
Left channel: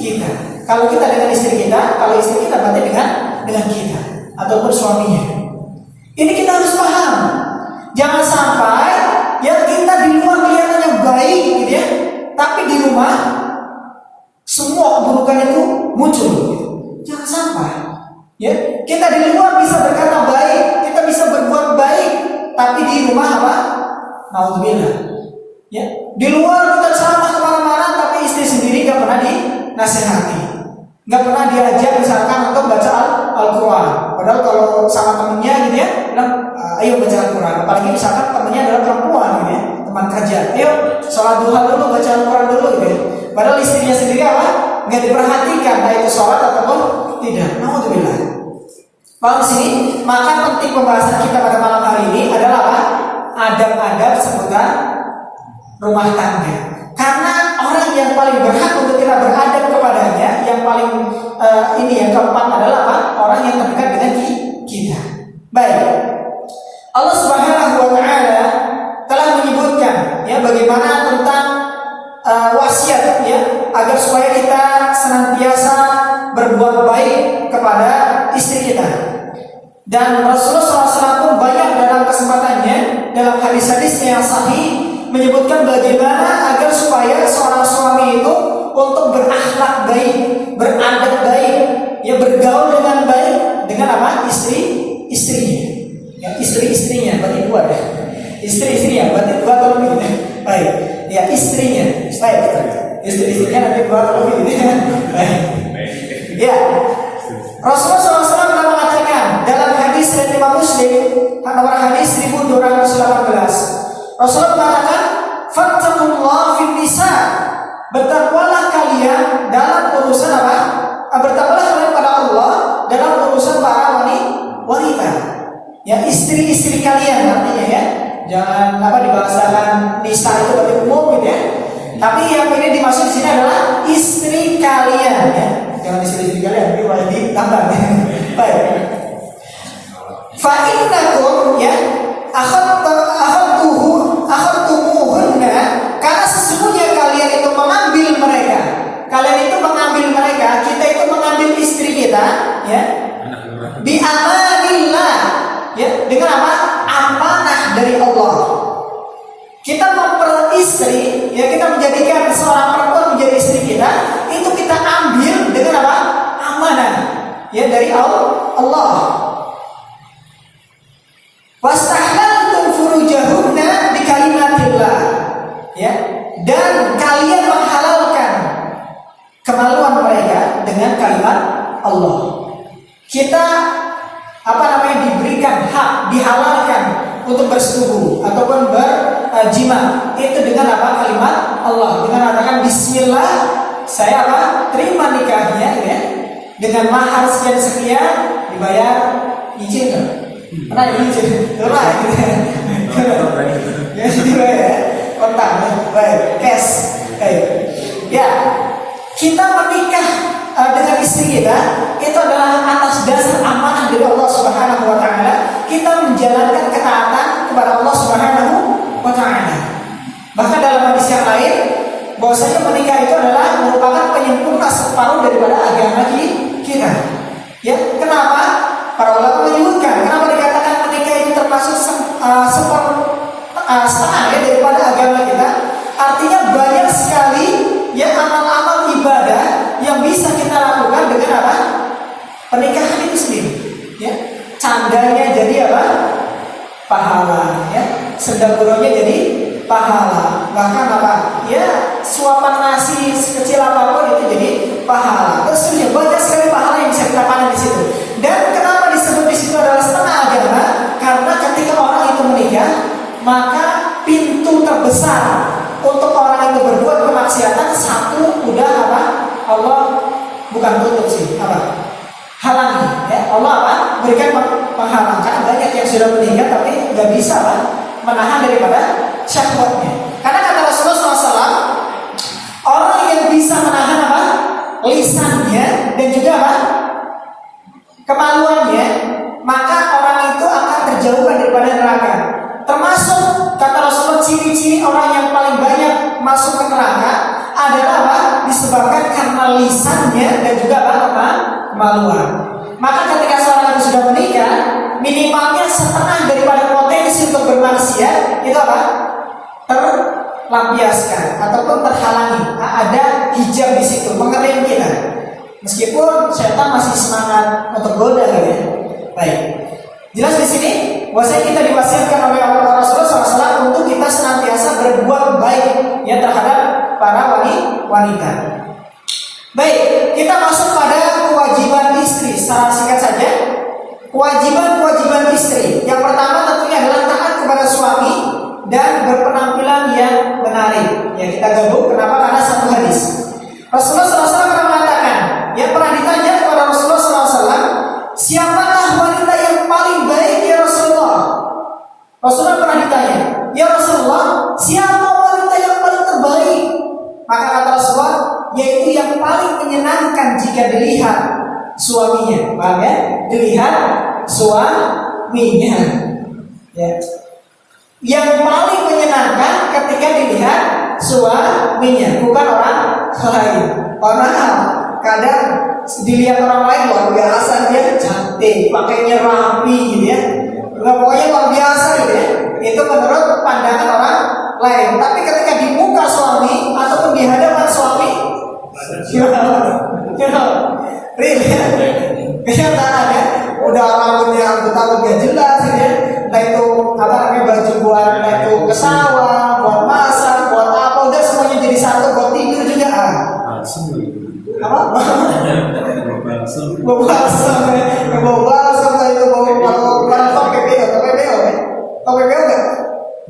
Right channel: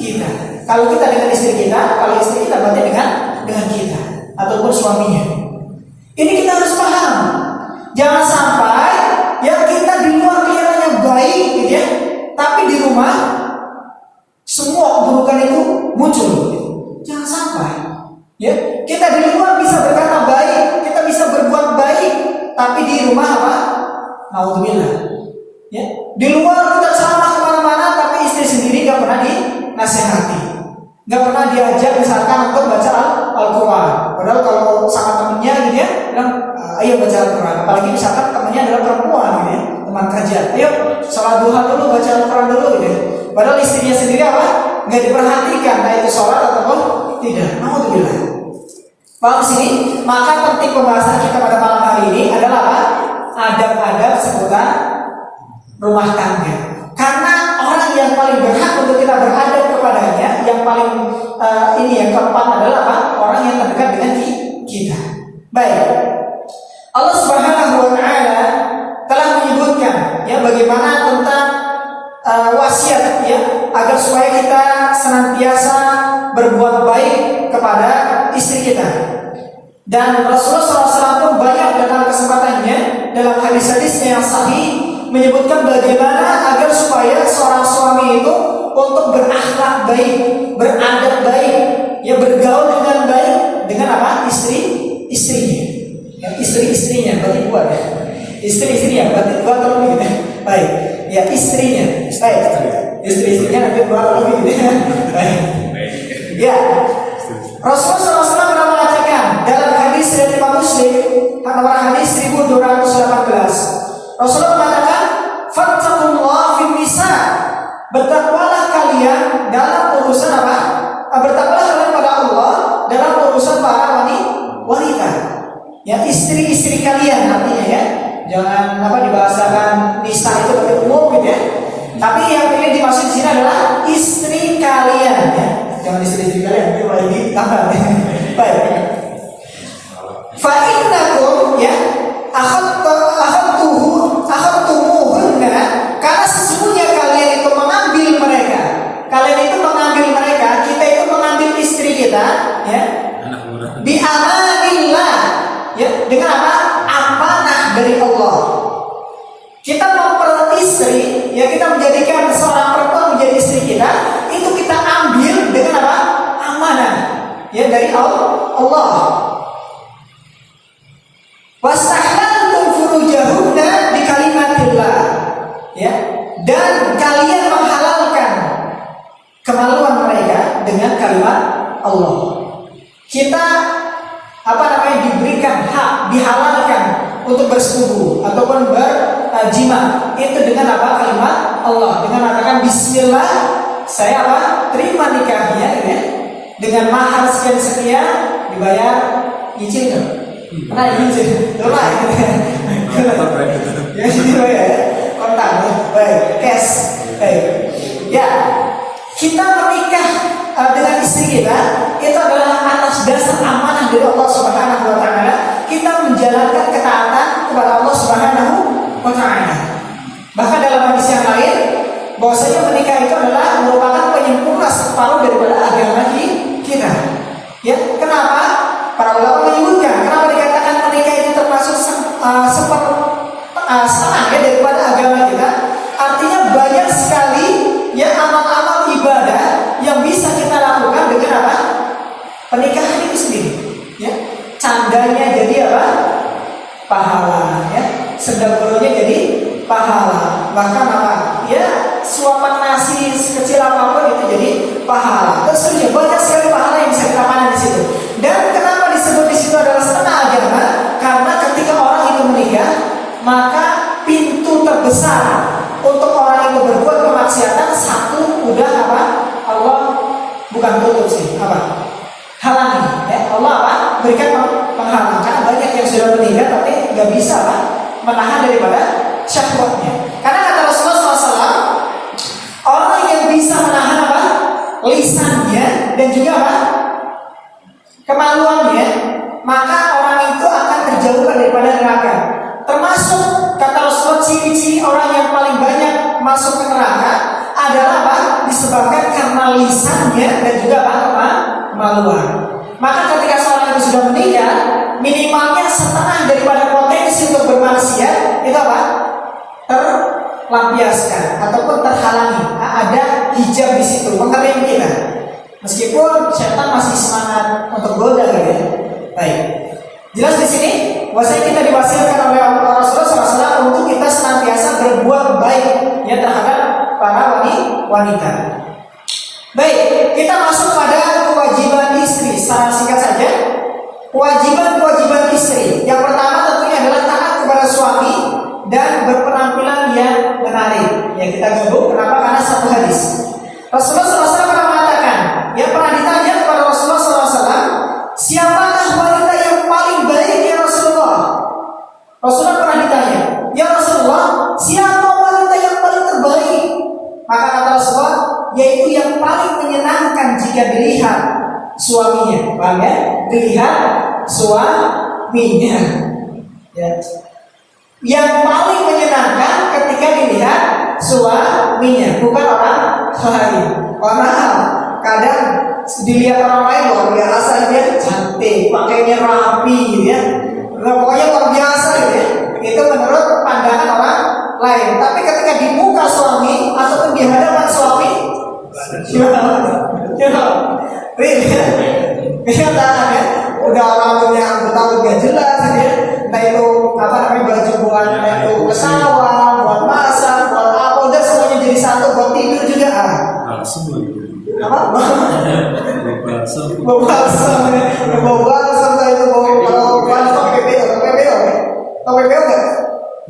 kita. Kalau kita dengan istri kita, kalau istri kita berarti dengan kita ataupun suaminya. Ini kita harus paham. Jangan sampai ya kita di luar kelihatannya baik gitu ya, tapi di rumah semua keburukan itu muncul. Jangan sampai. Ya, kita di luar bisa berkata baik, kita bisa berbuat baik, tapi di rumah apa? Naudzubillah. Ya, di luar kita ceramah kemana-mana, tapi istri sendiri nggak pernah dinasehati, nggak pernah diajak misalkan untuk baca Al-Quran. Padahal kalau sama temennya gitu ya, bilang ayo baca Al-Quran. Apalagi misalkan temennya adalah perempuan gitu ya, teman kerja. Ayo sholat duha dulu, baca Al-Quran dulu gitu ya. Padahal istrinya sendiri apa? Nggak diperhatikan, baik itu sholat ataupun tidak. Naudzubillah. Paham sini? Maka penting pembahasan kita pada malam hari ini adalah apa? Adab-adab seputar rumah tangga. Karena orang yang paling berhak untuk kita beradab kepadanya, yang paling yang keempat adalah apa? Orang yang terdekat dengan kita. Baik. Allah Subhanahu wa taala telah menyebutkan ya bagaimana tentang wasiat ya agar supaya kita senantiasa berbuat baik kepada istri kita. Dan Rasulullah SAW pun banyak dalam kesempatannya dalam hadis-hadisnya yang sahih menyebutkan bagaimana agar supaya seorang suami itu untuk berakhlak baik, beradab baik, ya bergaul dengan baik dengan apa? Istrinya. Ya, istri-istrinya berarti dua ya. Istri-istrinya berarti dua atau lebih. Baik. Ya, istrinya. Baik. Istri-istrinya nanti dua atau lebih. Baik. Ya. Rasulullah SAW pernah mengatakan dalam hadis dari Imam Muslim nomor hadis 1218. Rasulullah mengatakan, "Fattaqullaha fin nisa." Bertakwalah kalian dalam urusan apa? Bertakwalah kalian pada Allah dalam urusan para wanita. Ya, istri-istri kalian artinya ya. Jangan dibahasakan nisa itu berarti umum gitu ya. Tapi yang ingin dimaksud di sini adalah istri kalian ya. Jangan istri kalian, itu lagi tambah. Baik. Fa innakum ya akhadtuhunna dengan apa? Amanah dari Allah. Kita memperistri, ya kita menjadikan seorang perempuan menjadi istri kita, itu kita ambil dengan apa? Amanah, ya dari Allah. Wastahlaltum furujahunna bi kalimatillah, ya, dan kalian menghalalkan kemaluan mereka dengan kalimat Allah. Kita diberikan hak, dihalalkan untuk bersetubuh ataupun berjima itu dengan apa? Kalimat Allah, dengan mengatakan Bismillah, saya terima nikahnya, ya, dengan mahar sekian dibayar nyicil. Pernah nyicil? Pernah. Ya dibayar kontan, baik, cash. Ya, kita menikah dengan istri kita itu adalah atas dasar amanah dari Allah Subhanahu wa taala. Kita menjalankan ketaatan kepada Allah Subhanahu wa taala. Bahkan dalam hadis yang lain bahwasanya menikah itu adalah merupakan penyempurna separuh daripada agama kita. Ya, kenapa? Para ulama menyebutkan kenapa dikatakan menikah itu termasuk setengah ya daripada agama kita. Artinya banyak sekali ya amal-amal ibadah yang bisa kita lakukan dengan apa? Pernikahan itu sendiri. Ya, candanya jadi apa? Pahala. Ya, sendaguranya jadi pahala. Bahkan apa? Ya, suapan nasi sekecil apapun itu jadi pahala. Terus ya banyak sekali pahala yang bisa kita panen di situ. Dan kenapa disebut di situ adalah setengah agama? Karena ketika orang itu menikah, maka pintu terbesar untuk orang itu berbuat kemaksiatan satu udah apa? Allah bukan tutup sih, halangi. Ya, Allah berikan penghalang. Karena banyak yang sudah menikah tapi nggak bisa menahan daripada syahwatnya. Karena kata Rasulullah SAW, orang yang bisa menahan lisannya dan juga kemaluannya, maka orang itu akan terjauhkan daripada neraka. Termasuk kata Rasulullah ciri-ciri orang yang paling banyak masuk ke neraka adalah disebabkan karena lisannya dan juga kemaluan. Maka ketika seorang itu sudah menikah, minimalnya setengah daripada potensi untuk bermaksiat itu terlampiaskan ataupun terhalangi. Ada hijab di situ, mengerim kita. Meskipun setan masih semangat untuk goda, ya. Baik. Jelas di sini, bahwasanya kita diwasiatkan oleh Rasulullah SAW untuk kita senantiasa berbuat baik ya terhadap para wanita. Baik, kita masuk pada kewajiban istri. Secara singkat saja, kewajiban istri. Yang pertama tentunya adalah taat kepada suami dan berpenampilan yang menarik. Ya kita gabung. Kenapa? Karena satu hadis. Rasulullah SAW pernah mengatakan, ya pernah ditanya kepada Rasulullah SAW, siapakah wanita yang paling baik ya Rasulullah? Rasulullah pernah ditanya, ya Rasulullah, siapa wanita yang paling terbaik? Maka kata Rasulullah, yaitu yang paling menyenangkan jika dilihat suaminya. Paham ya? Dilihat suaminya. Ya. Yang paling menyenangkan ketika dilihat suaminya, bukan orang lain. Padahal kadang dilihat orang lain luar biasa, dia cantik, pakainya rapi gitu ya. Pokoknya luar biasa gitu ya. Itu menurut pandangan orang lain. Tapi ketika di muka suami ataupun di hadapan suami, kenyataan ya, udah rambutnya gak jelas ya. Entah itu baju buat itu ke sawah, buat masak, buat apa, udah semuanya jadi satu, buat tidur juga bau balsam itu bau kalau top PPO kan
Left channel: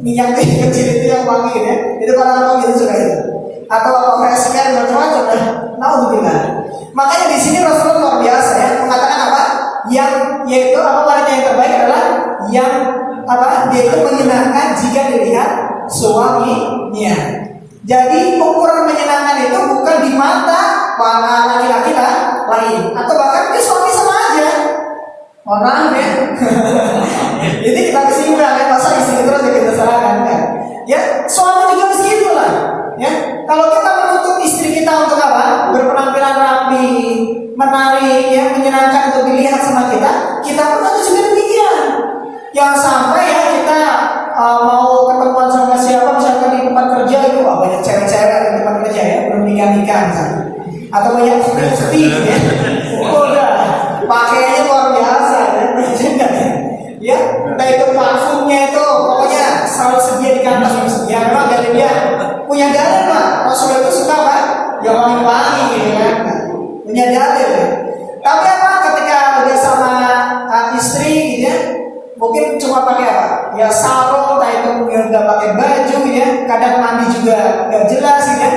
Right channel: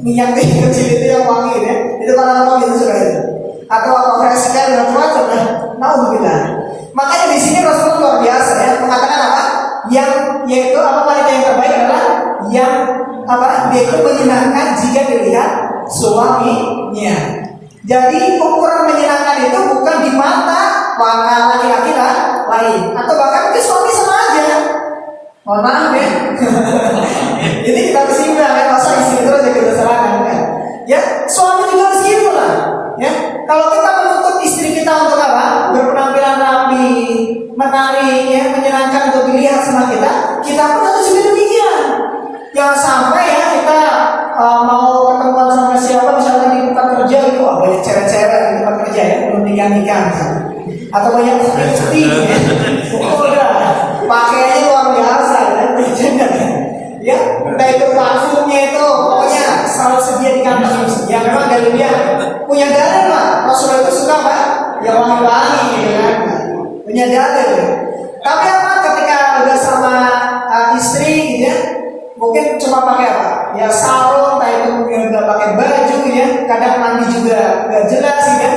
minyak kecil itu yang wangi ya, itu kalau orang gitu suka itu, atau fresh care macam-macam ya. Naudzubillah. Makanya di sini Rasulullah luar biasa ya, mengatakan yaitu wanita yang terbaik adalah yang dia itu menyenangkan jika dilihat suaminya. Jadi ukuran menyenangkan itu bukan di mata laki-laki lain, atau bahkan mungkin suami sama aja. Mohon maaf ya. Jadi kita kesimpulan ya, masa istri terus ya kita salahkan ya. Ya, suami juga begitu lah. Ya, kalau kita menuntut istri kita untuk berpenampilan rapi, menarik, ya, menyenangkan untuk dilihat sama kita pun harus juga demikian. Jangan sampai ya kita mau ketemuan sama siapa misalnya di tempat kerja itu banyak cewek-cewek di tempat kerja ya belum nikah misalnya. Atau banyak putih ya. Udah pakainya luar biasa ya. Ya, entah itu parfumnya itu pokoknya selalu sedia di kantong. Ya memang dari dia punya dalil Pak. Rasulullah itu suka Pak, ya wangi-wangi ya. Punya dalil. Tapi apa ketika udah sama istri gitu ya, mungkin cuma pakai apa? Ya sarung, entah itu mungkin nggak pakai baju ya. Kadang mandi juga nggak jelas ya.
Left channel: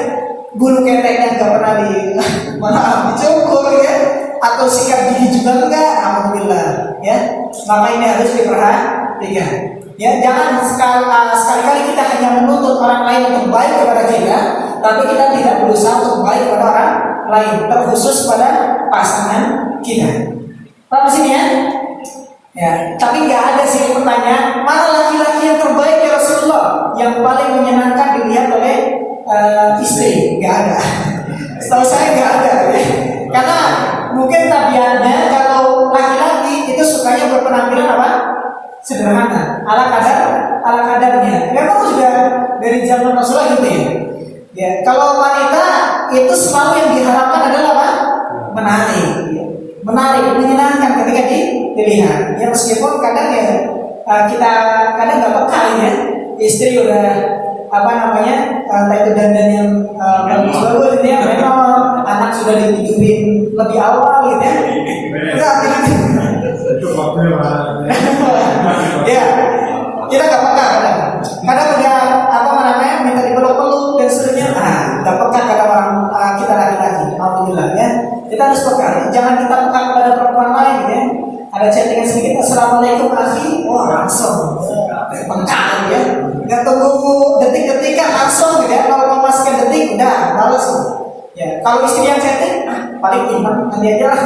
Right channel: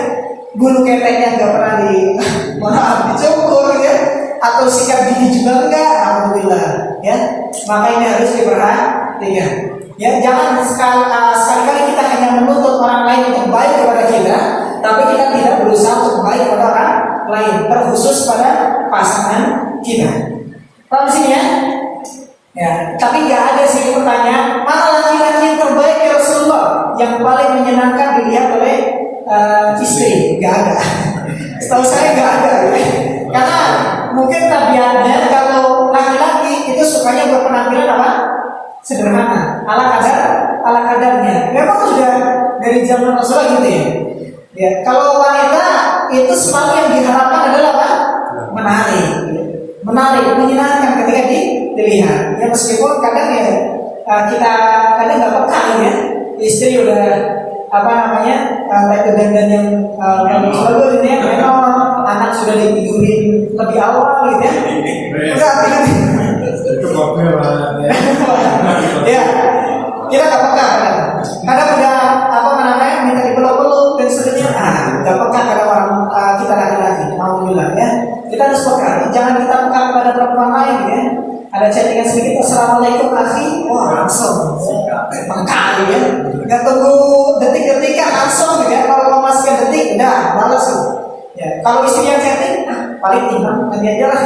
Bulu keteknya nggak pernah dicukur ya. Atau sikat gigi juga enggak, alhamdulillah ya. Maka ini harus diperhatikan ya. Jangan sekali-kali kita hanya menuntut orang lain untuk baik kepada kita, tapi kita tidak berusaha untuk baik kepada orang lain, terkhusus pada pasangan kita. Paham sini ya? Ya, tapi nggak ada sih pertanyaan mana laki-laki yang terbaik ya Rasulullah, yang paling menyenangkan dilihat oleh istri. Nggak ada. Setahu saya nggak ada ya. Karena mungkin tabiatnya kalau laki-laki itu sukanya berpenampilan apa? Sederhana, ala kadarnya. Memang sudah dari zaman Rasulullah gitu ya. Ya, kalau wanita itu selalu yang diharapkan adalah apa? Menarik, menyenangkan ketika dilihat. Ya meskipun kadang ya kita kadang nggak peka ya. Istri udah apa namanya itu dandan yang bagus gitu ya, memang anak sudah ditidurin lebih awal gitu ya, udah tidur ya kita nggak peka kadang udah apa namanya minta dipeluk-peluk dan seterusnya, nggak peka kadang orang kita laki-laki, alhamdulillah ya. Kita harus peka, jangan kita peka kepada perempuan lain ya. Ada chattingan sedikit, assalamualaikum akhi, wah langsung peka ya. Nggak tunggu detik-detikan langsung ya. Kalau mau masukkan detik, udah balas ya. Kalau istri yang chatting, paling imam nanti aja lah.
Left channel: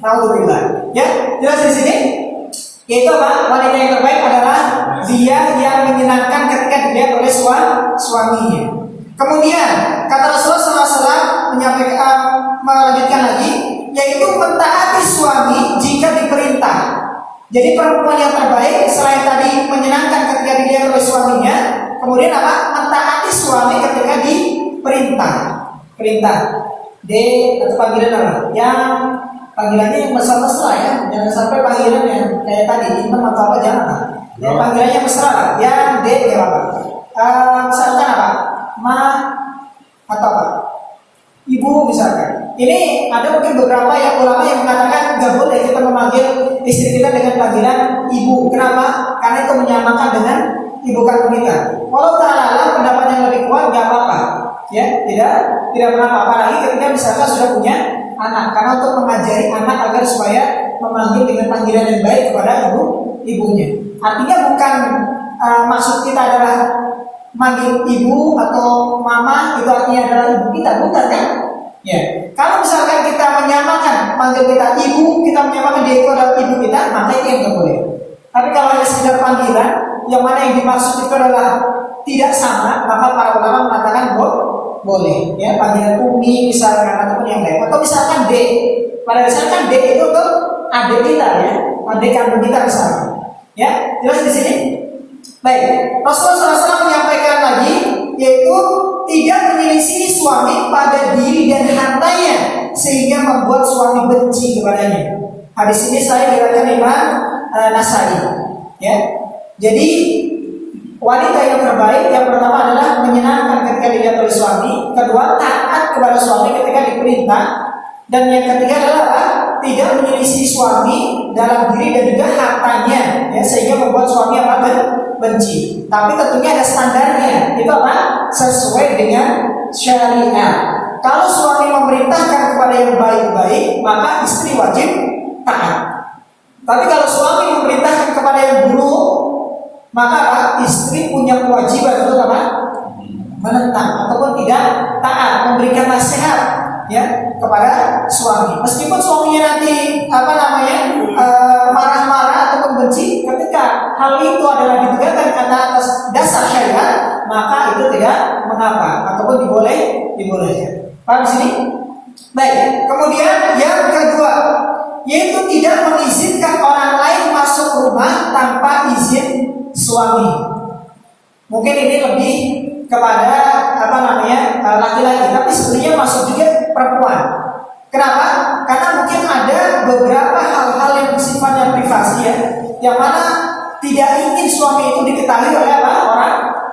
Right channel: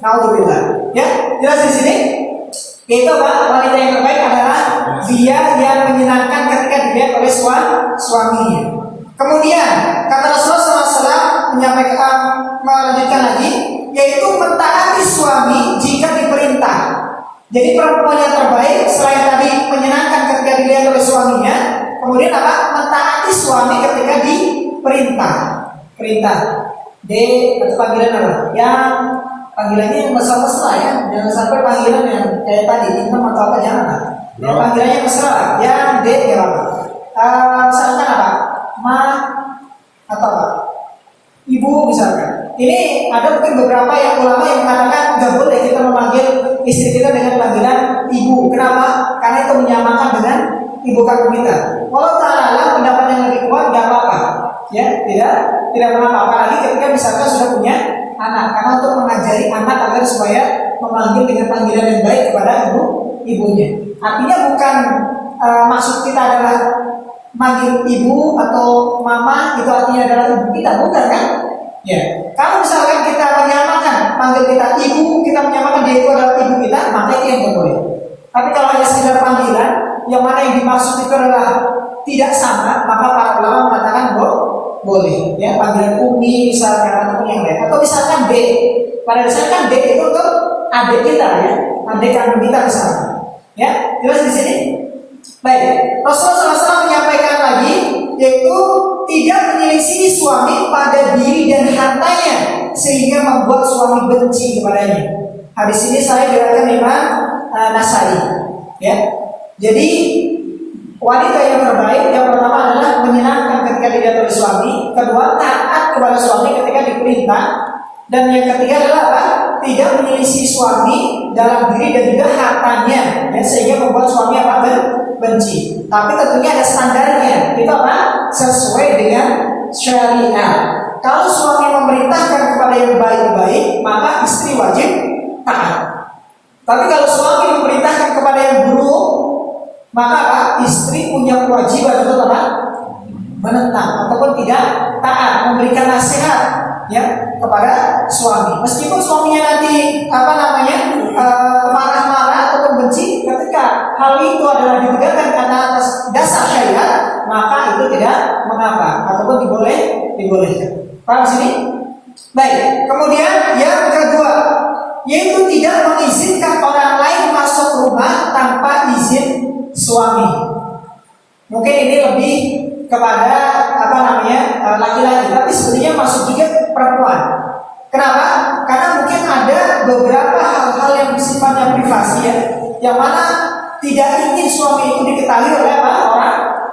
Alhamdulillah ya. Jelas di sini. Yaitu apa? Wanita yang terbaik adalah dia yang menyenangkan ketika dilihat oleh suaminya. Kemudian kata Rasulullah SAW menyampaikan, melanjutkan lagi, yaitu mentaati suami jika diperintah. Jadi perempuan yang terbaik selain tadi menyenangkan ketika dilihat oleh suaminya, kemudian apa? Mentaati suami ketika diperintah. Perintah. D atau panggilan apa? Yang panggilannya yang mesra-mesra ya. Jangan sampai panggilan yang kayak tadi intem atau apa, jangan. Ya, panggilannya mesra lah. Yang D ya apa? Misalkan apa? Ma atau apa? Ibu misalkan. Ini ada mungkin beberapa yang ulama yang mengatakan nggak boleh kita memanggil istri kita dengan panggilan ibu. Kenapa? Karena itu menyamakan dengan ibu kandung kita. Walau ta'ala pendapat yang lebih kuat nggak apa-apa, ya tidak mengapa. Apalagi ketika misalkan sudah punya anak, karena untuk mengajari anak agar supaya memanggil dengan panggilan yang baik kepada ibunya. Artinya bukan maksud kita adalah manggil ibu atau mama itu artinya adalah ibu kita, bukan kan? Ya, kalau misalkan kita menyamakan panggil kita ibu, kita menyamakan dia itu adalah ibu kita, maka itu yang tidak boleh. Tapi kalau hanya sekedar panggilan, yang mana yang dimaksud itu adalah tidak sama, maka para ulama mengatakan boleh. Ya, panggilan umi misalkan ataupun yang lain, atau misalkan D. Pada misalkan D itu untuk adik kita ya, adik kandung kita misalkan. Ya, jelas di sini. Baik, Rasulullah SAW menyampaikan lagi, yaitu tidak menyelisih suami pada diri dan hartanya sehingga membuat suami benci kepadanya. Hadis ini saya diriwayatkan Imam Nasai. Ya, jadi wanita yang terbaik yang pertama adalah menyenangkan ketika dilihat oleh suami, kedua taat kepada suami ketika diperintah, dan yang ketiga adalah tidak menyelisih suami dalam diri dan juga hartanya, ya, sehingga membuat suami apa benci. Tapi tentunya ada standarnya. Itu apa? Sesuai dengan syariat. Kalau suami memerintahkan kepada yang baik-baik, maka istri wajib taat. Tapi kalau suami memerintahkan kepada yang buruk, maka apa? Istri punya kewajiban untuk apa? Menentang ataupun tidak taat, memberikan nasihat ya kepada suami. Meskipun suaminya nanti apa namanya marah-marah ataupun benci, ketika hal itu adalah ditegakkan karena atas dasar syariat, maka itu tidak mengapa ataupun dibolehkan. Paham sini? Baik. Kemudian yang kedua, yaitu tidak mengizinkan orang lain masuk masuk rumah tanpa izin suami. Mungkin ini lebih kepada laki-laki, tapi sebenarnya masuk juga perempuan. Kenapa? Karena mungkin ada beberapa hal-hal yang sifatnya privasi ya, yang mana tidak ingin suami itu diketahui oleh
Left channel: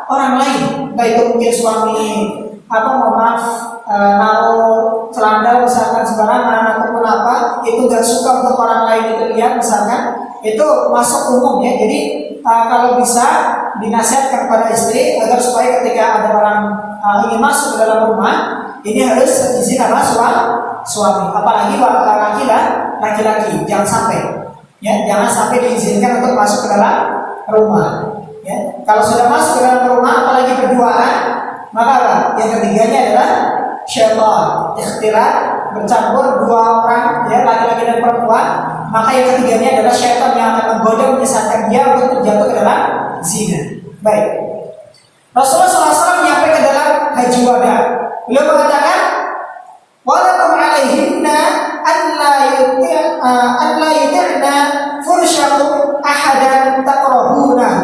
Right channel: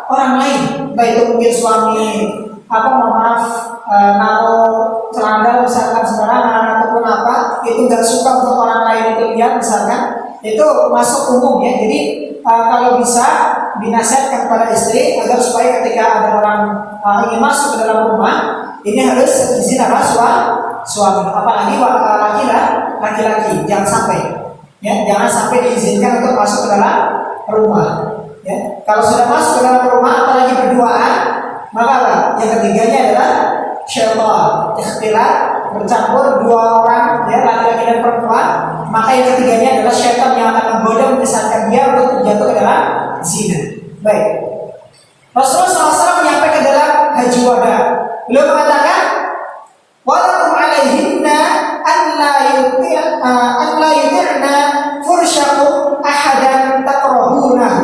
orang lain. Baik itu mungkin suami naruh celana misalkan sembarangan ataupun itu nggak suka untuk orang lain itu lihat misalkan, itu masuk umum ya. Jadi kalau bisa dinasihatkan kepada istri agar supaya ketika ada orang ingin masuk ke dalam rumah ini harus izin suami, apalagi laki-laki jangan sampai diizinkan untuk masuk ke dalam rumah ya. Kalau sudah masuk ke dalam rumah apalagi berduaan, maka yang ketiganya adalah syaitan, ikhtilat, bercampur dua orang ya, laki-laki dan perempuan, maka yang ketiganya adalah syaitan yang akan menggoda menyesatkan dia untuk terjatuh ke dalam zina. Baik, Rasulullah SAW menyampaikan dalam haji wada, beliau mengatakan walakum alaihinna an la yutirna fursyakum ahadan takrahunahu.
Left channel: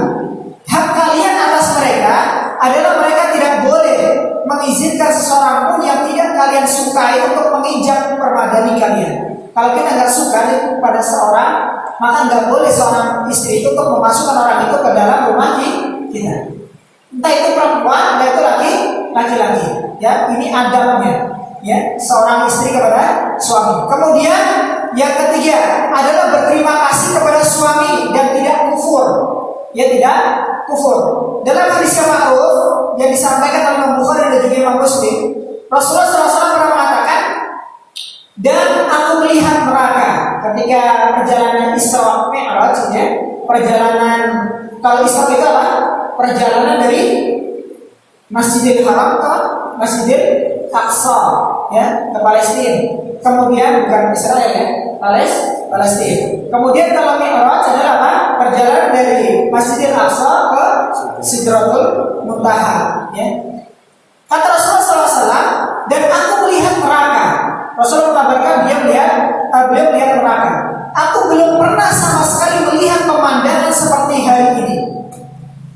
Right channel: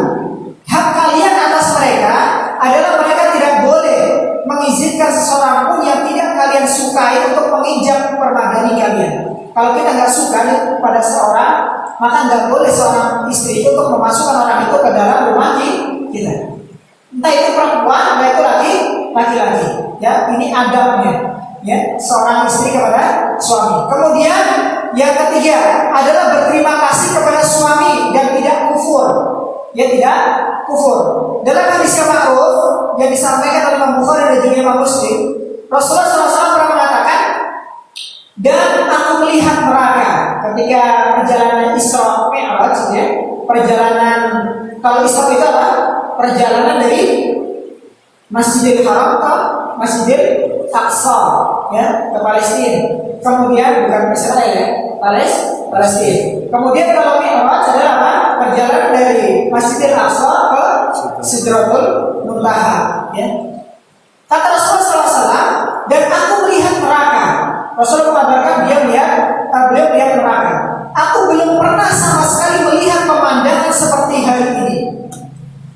Hak kalian atas mereka adalah mereka tidak boleh mengizinkan seseorang pun yang tidak kalian sukai untuk menginjak permadani kalian. Kalau kita nggak suka pada seorang, maka nggak boleh seorang istri itu untuk memasukkan orang itu ke dalam rumah kita. Entah itu perempuan, entah itu laki-laki. Ya, ini adabnya. Ya, seorang istri kepada suami. Kemudian yang ketiga adalah berterima kasih kepada suami dan tidak kufur. Ya, tidak kufur. Dalam hadis yang ma'ruf yang disampaikan oleh Imam Bukhari dan juga Imam Muslim, Rasulullah SAW pernah mengatakan, dan aku melihat neraka ketika perjalanan Isra Mi'raj ya, perjalanan, kalau Isra itu apa? Perjalanan dari Masjidil Haram ke Masjidil Aqsa ya, ke Palestina. Kemudian bukan Israel ya, Palestina. Kemudian kalau Mi'raj adalah apa? Perjalanan dari Masjidil Aqsa ke Sidratul Muntaha ya. Kata Rasulullah SAW, dan aku melihat neraka. Rasulullah mengabarkan beliau melihat neraka. Aku belum pernah sama sekali melihat pemandangan seperti hari ini.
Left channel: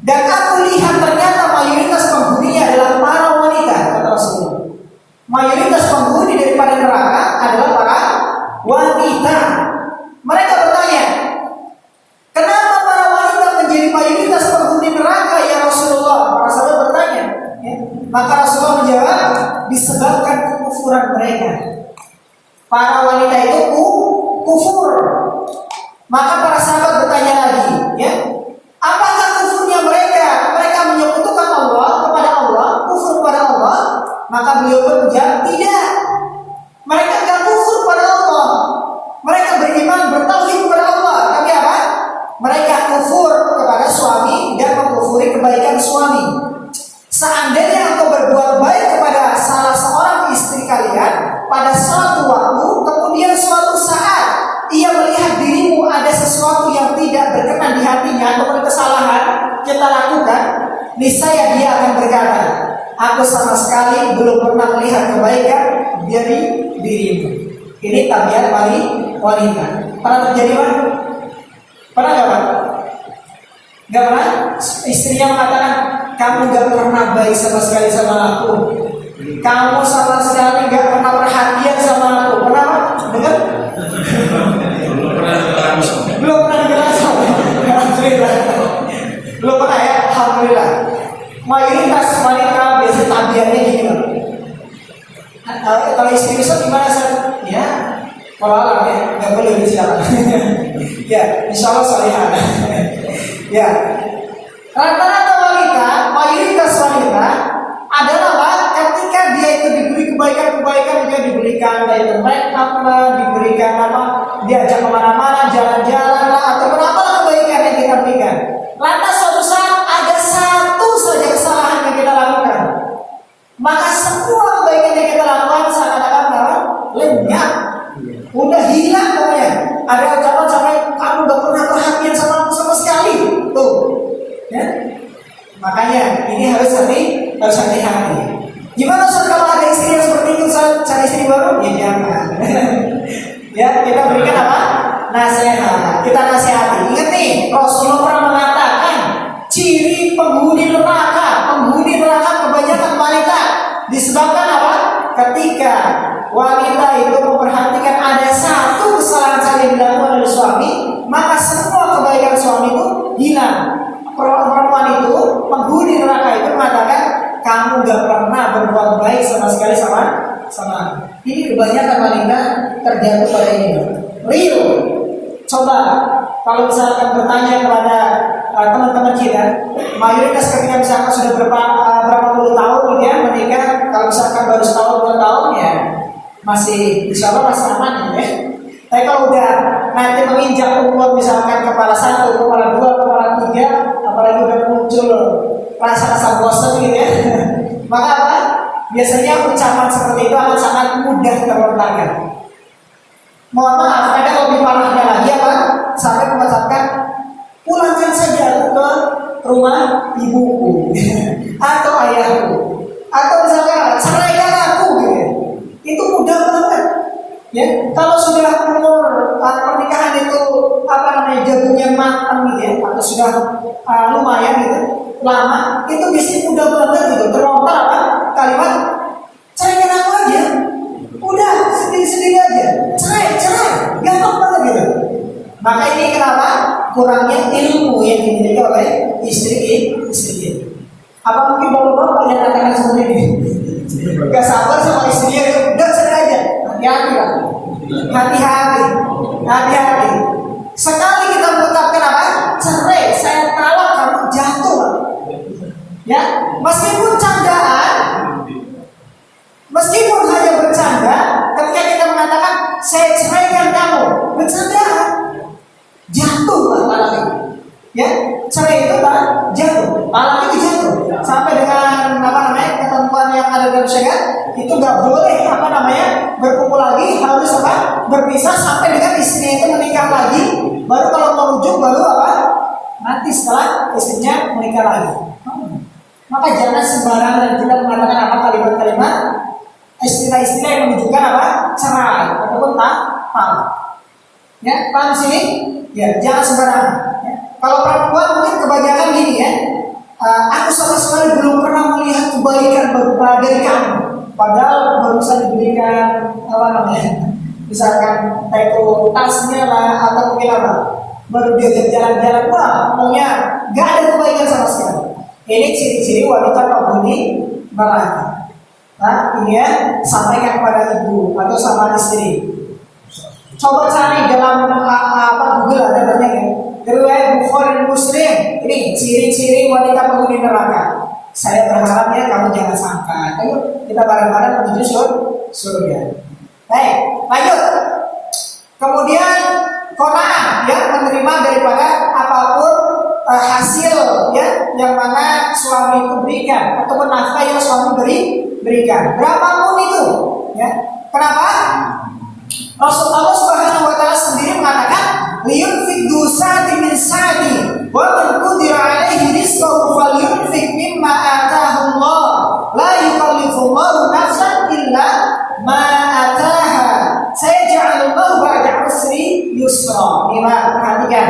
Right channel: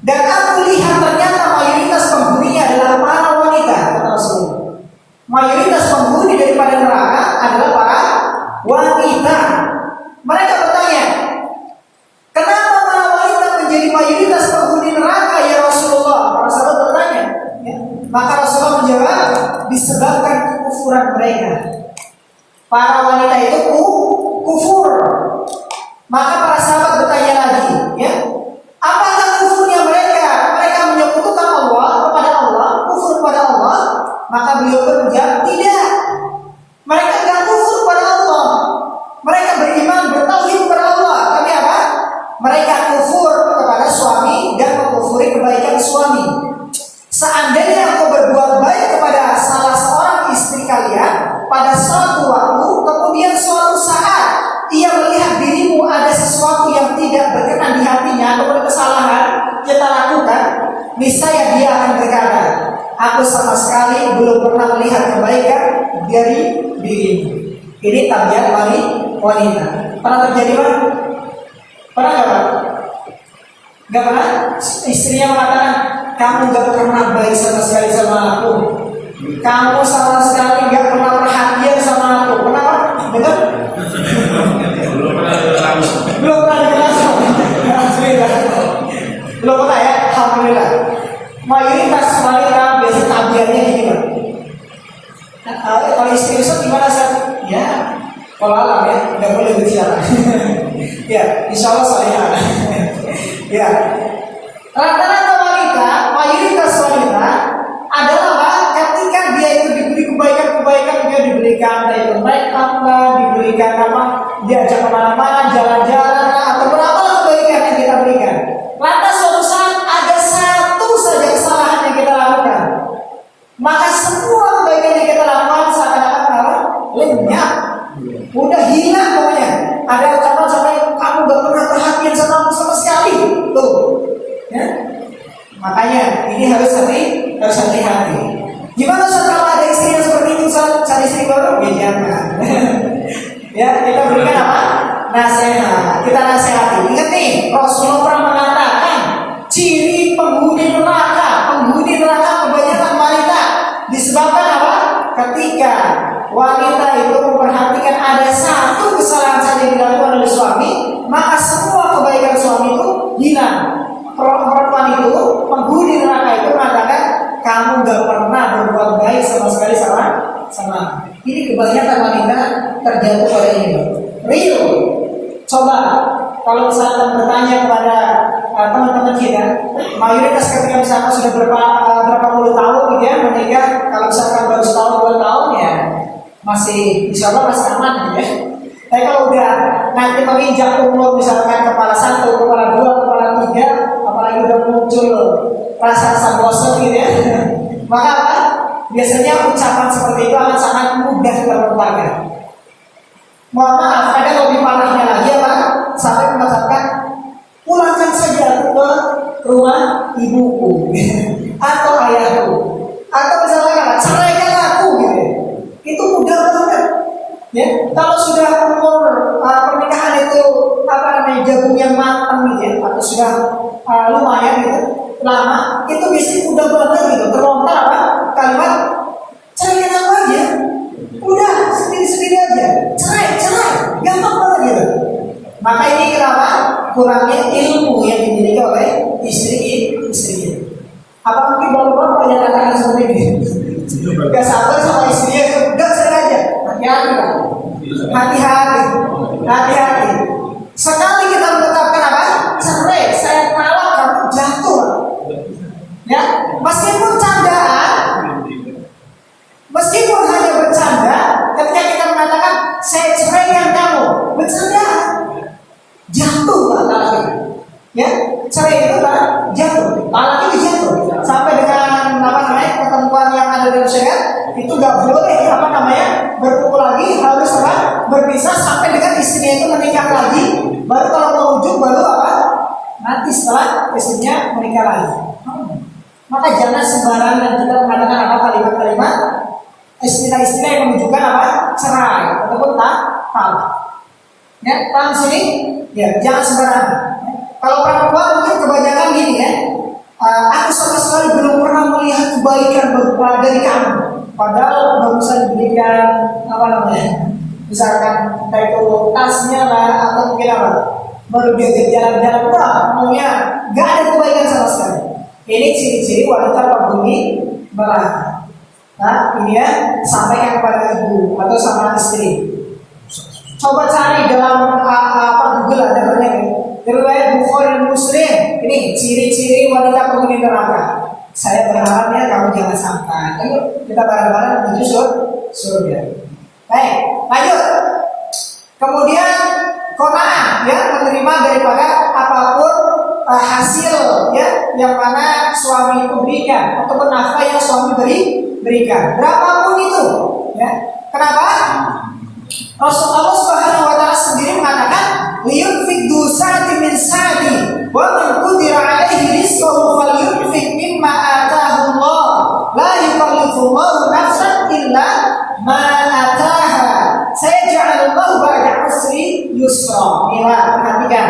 Dan aku lihat ternyata mayoritas penghuninya adalah para wanita, kata Rasulullah. Mayoritas penghuni daripada neraka adalah para wanita. Mereka bertanya, kenapa para wanita menjadi mayoritas penghuni neraka ya Rasulullah? Para sahabat bertanya ya. Maka Rasulullah menjawab, disebabkan kekufuran mereka. Para wanita itu kufur. Maka para sahabat bertanya lagi ya, apakah kufurnya mereka? Mereka menyekutukan Allah kepada Allah, kufur kepada Allah. Maka beliau pun menjawab, tidak. Mereka tidak kufur kepada Allah. Mereka beriman, bertauhid kepada Allah. Tapi apa? Mereka kufur kepada suami dan mengkufuri kebaikan suami. Seandainya engkau berbuat baik kepada salah seorang istri kalian pada suatu waktu, kemudian suatu saat ia melihat dirimu ada sesuatu yang tidak berkenan di hatinya ataupun kesalahan kita lakukan, niscaya dia akan berkata, aku sama sekali belum pernah melihat kebaikan dari dirimu. Ini tabiat wanita. Pernah terjadi Pak? Pernah nggak Pak? Nggak pernah? Istrinya mengatakan, kamu nggak pernah baik sama sekali sama aku. Kamu sama sekali nggak pernah perhatian sama aku. Pernah Pak? Dengar? Belum pernah dijelaskan. Belum pernah ya? Alhamdulillah. Mayoritas wanita biasa tabiatnya gini Pak. Kalau istri besok gimana sih? Ya, kalau alam ya, nggak boleh bicara. Ya, insya Allah salihah. Ya, rata-rata wanita, mayoritas wanita adalah apa? Ketika dia itu diberi kebaikan-kebaikan, dia diberikan itu make up lah, diberikan apa? Diajak kemana-mana, jalan-jalan lah, ataupun apalah kebaikan yang kita berikan. Lantas suatu saat ada satu saja kesalahan yang kita lakukan, maka semua kebaikan yang kita lakukan seakan-akan lenyap, udah hilang pokoknya. Ada ucapan sampai kamu gak pernah perhatian sama aku sama sekali, tuh, ya. Makanya ini harus hati-hati. Gimana Ustaz kalau ada istri yang seperti itu, cari istri baru? Ya jangan. Ya, kita berikan apa? Nasihat. Kita nasihati. Ingat nih, Rasulullah pernah mengatakan ciri penghuni neraka kebanyakan wanita disebabkan apa? Ketika wanita itu memperhatikan ada satu kesalahan saja yang dilakukan oleh suami, maka semua kebaikan suami itu hilang. Perempuan itu, penghuni neraka itu mengatakan, kamu gak pernah berbuat baik sama sekali sama. Ini kebanyakan wanita terjatuh pada ini. Real. Coba kalau misalkan bertanya kepada teman-teman kita, mayoritas ketika misalkan sudah berapa puluh tahun gitu ya menikah, kalau misalkan baru setahun 2 tahun ya masih insya Allah masih aman gitu ya. Tapi kalau udah nanti menginjak umur misalkan kepala 1, kepala 2, kepala 3, apalagi udah muncul rasa bosan gitu ya, maka apa? Biasanya ucapan seperti itu akan sangat mudah terlontarkan. Mohon maaf, kadang lebih parahnya lagi apa? Sampai mengucapkan pulangkan saja aku ke rumah ibuku atau ayahku, atau misalnya apa? Ceraikan aku gitu. Itu mudah banget. Ya, kalau sudah umur pernikahan itu jagungnya matang gitu ya, atau sudah lumayan gitu, lama, itu biasanya mudah banget gitu terlontar apa? Kalimat ceraikan aku aja. Udah sendiri-sendiri aja. Cerai, gampang banget gitu. Maka ini kenapa? Kurangnya ilmu yang dimiliki oleh istri. Apa mungkin bapak yang katakan seperti ini? Gak sabar sama istrinya, udah cerai aja. Hati-hati lah. Hati-hati. Sekali kita menetapkan apa? Cerai, saya talak, kamu jatuh. Ya, meskipun hanya bercanda, ketika kita mengatakan saya ceraikan kamu, bercanda, jatuh lah talak. Ya, cerai itu kan jatuh, talak itu jatuh. Sampai dengan ketentuan yang ada dalam syariat itu nggak boleh berkumpul lagi, harus berpisah sampai dengan istrinya itu menikah lagi. Baru kalau mau rujuk baru nanti setelah istrinya menikah lagi. Maka jangan sembarangan kita mengatakan kalimat-kalimat istilah-istilah yang menunjukkan cerai ataupun talak. Ya, paham sini? Ya, jangan sembarangan. Ya. Kalau perempuan mungkin kebanyakan gini ya. Aku sama sekali belum pernah melihat kebaikan dari kamu. Padahal baru bisa diberikan misalkan itu tasnya lah atau mungkin baru diajak jalan-jalan, maunya nggak ada kebaikan sama sekali. Ini ciri-ciri wanita penghuni neraka. Nah, ini ya sampaikan kepada ibu atau sama istri. Coba cari dalam Google ada banyak ya. Riwayat Bukhari Muslim, ini ciri-ciri wanita penghuni neraka. Saya berharap ya kamu jangan sampai. Ayo kita bareng-bareng menuju surga. Baik, lanjut. Kemudian qanaah ya, menerima daripada apapun hasil ya yang mana suami itu berikan ataupun nafkah yang suami berikan. Berapapun itu, ya. Kenapa? Rasulullah Subhanahu wa taala sendiri mengatakan liyunfik du sa'ati min sa'ati wa man qudira 'alaihi rizquhu falyunfik mimma ataahu Allah la yukallifullahu nafsan illa ma ataaha sayaj'alullahu ba'da 'usri yusra. Perhatikan,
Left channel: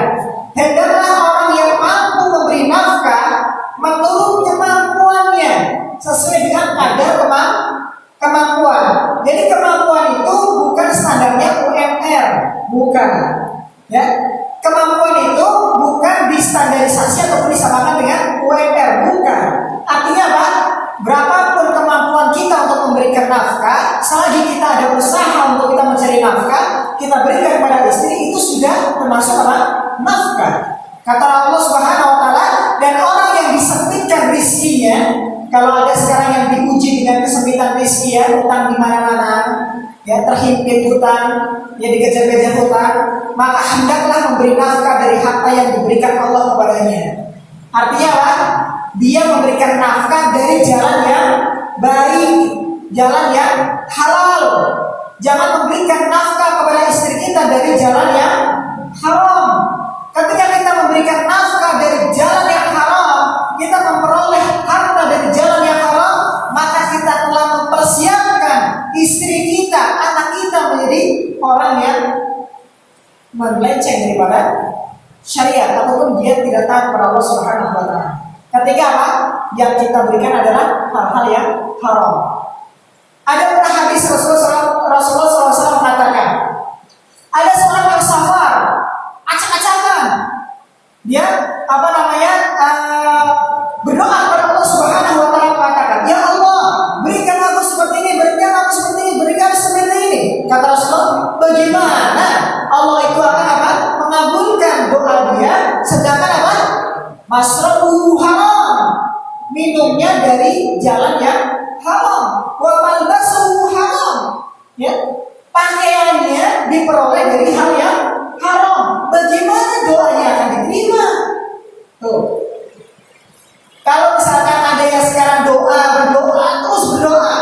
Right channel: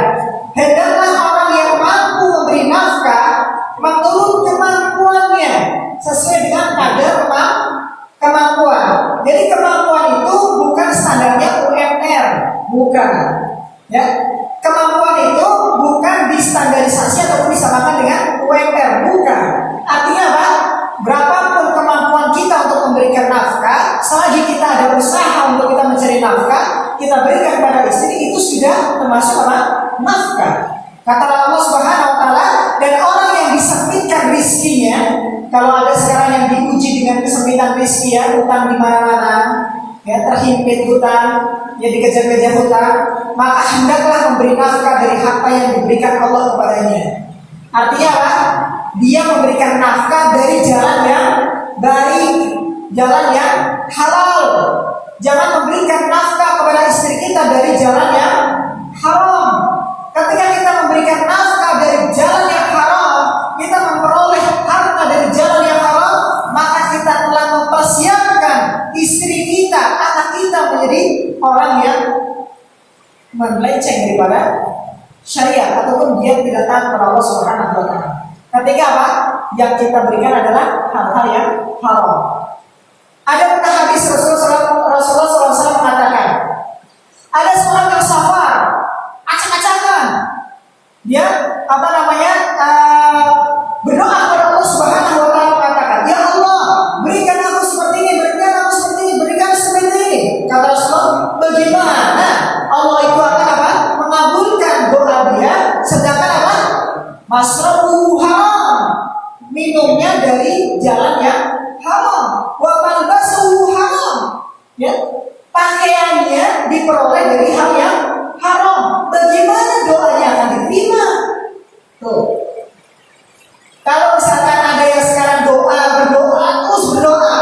hendaklah orang yang mampu memberi nafkah menurut kemampuannya sesuai dengan kadar kemampuan. Jadi kemampuan itu bukan standarnya UMR, bukan. Ya, kemampuan itu bukan distandarisasi ataupun disamakan dengan UMR, bukan. Artinya apa? Berapapun kemampuan kita untuk memberikan nafkah, selagi kita ada usaha untuk kita mencari nafkah, kita berikan kepada istri, itu sudah termasuk nafkah. Kata Allah Subhanahu wa taala, dan orang yang disempitkan rizkinya, kalau ada sekarang yang diuji dengan kesempitan rezeki ya, utang di mana-mana, ya terhimpit hutang, ya dikejar-kejar hutang, maka hendaklah memberi nafkah dari harta yang diberikan Allah kepadanya. Artinya apa? Dia memberikan nafkah dari jalan yang baik, jalan yang halal. Jangan memberikan nafkah kepada istri kita dari jalan yang haram. Ketika kita memberikan nafkah dari jalan yang haram, kita memperoleh harta dari jalan yang haram, maka kita telah mempersiapkan istri kita, anak kita menjadi orang yang melenceng daripada syariat ataupun dia tidak taat kepada Allah Subhanahu wa taala. Ketika apa? Yang kita berikan adalah hal-hal yang haram. Ada pernah hadis Rasulullah SAW mengatakan, ada seorang yang safar, acak-acakan, dia berdoa kepada Allah Subhanahu wa taala mengatakan, "Ya Allah, berikan aku seperti ini, berikan aku seperti ini, berikan seperti ini." Kata Rasulullah, bagaimana Allah itu akan mengabulkan doa dia, sedangkan masrabu haram, minumnya dari jalan yang haram, wa malbasuhu haram, ya, pakaiannya diperoleh dari hal yang haram. Bagaimana doanya akan diterima? Tuh. Kalau misalkan ada yang sekarang berdoa terus berdoa,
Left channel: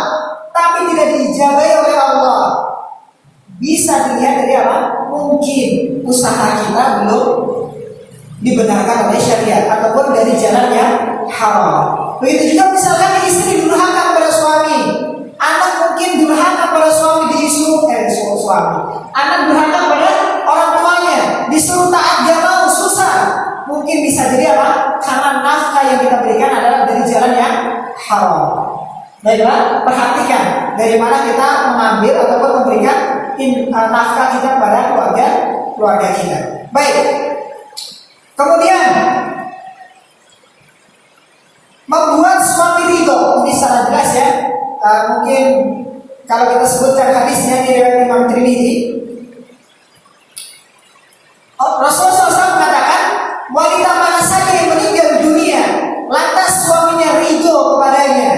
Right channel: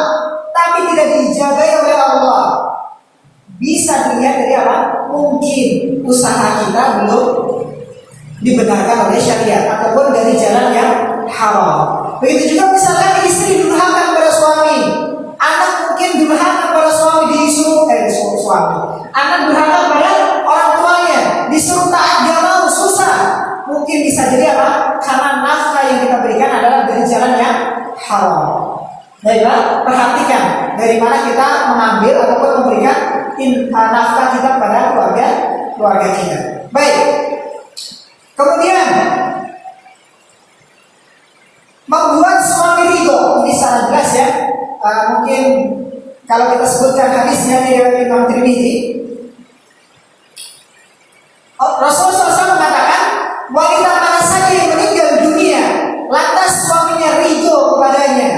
tapi tidak dijabai oleh Allah, bisa dilihat dari apa? Mungkin usaha kita belum dibenarkan oleh syariat ataupun dari jalan yang haram. Begitu juga misalkan istri durhaka kepada suami, anak mungkin durhaka kepada suami, disuruh suami, anak durhaka kepada orang tuanya, disuruh taat gak mau, susah. Mungkin bisa jadi apa? Karena nafkah yang kita berikan adalah dari jalan yang haram. Baiklah, perhatikan dari mana kita mengambil ataupun memberikan nafkah kita kepada keluarga kita. Baik. Kemudian membuat suami ridho, ini secara jelas ya. Mungkin kalau kita sebutkan hadisnya di riwayat Imam Tirmidzi, Rasulullah SAW mengatakan, wanita mana saja yang meninggal dunia lantas suaminya ridho kepadanya,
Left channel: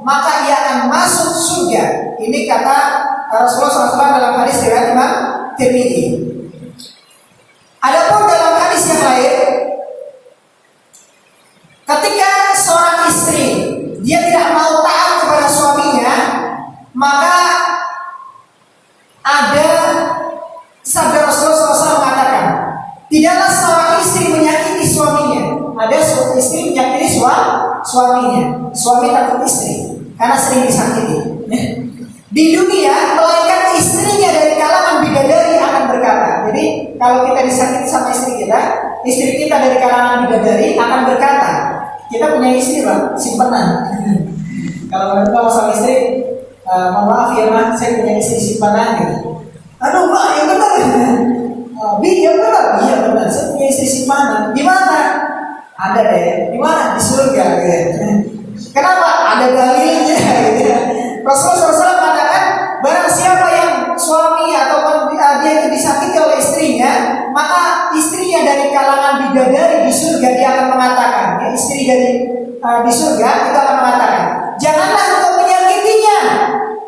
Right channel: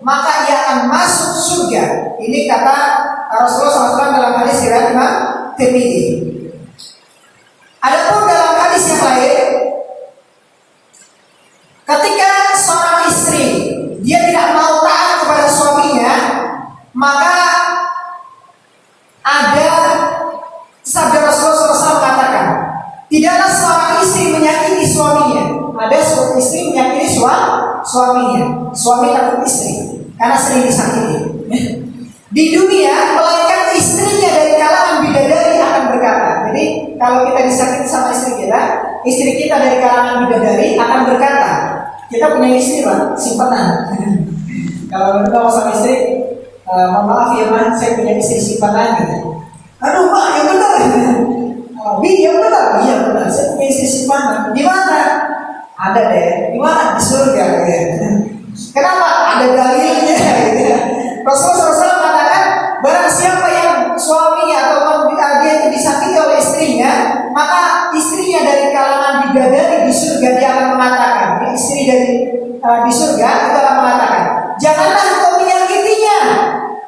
maka ia akan masuk surga. Ini kata Rasulullah SAW dalam hadis riwayat Imam Tirmidzi. Adapun dalam hadis yang lain, ketika seorang istri dia tidak mau taat kepada suaminya, maka ada sabda Rasulullah SAW mengatakan, tidaklah seorang istri menyakiti suaminya. Ada seorang istri menyakiti suaminya. Suami takut istri karena sering disakiti. Di dunia, melainkan istrinya dari kalangan bidadari akan berkata. Jadi kalau kita disakiti sama istri kita dari kalangan bidadari akan berkata, kita punya istri Pak, simpanan. Kalau kita sama istri, maaf ya Mas, saya punya istri simpanan gitu. Aduh Pak, yang benar. Yang benar, iya benar. Saya punya istri simpanan. Di mana? Ada deh. Di mana? Di surga. Gitu. Kenapa? Ada dalilnya. Gitu. Rasulullah SAW mengatakan, barang siapa yang suami ataupun dia itu disakiti oleh istrinya, maka istrinya dari kalangan bidadari di surga dia akan mengatakan, ya, istri dari di surga itu akan mengatakan, janganlah engkau menyakitinya,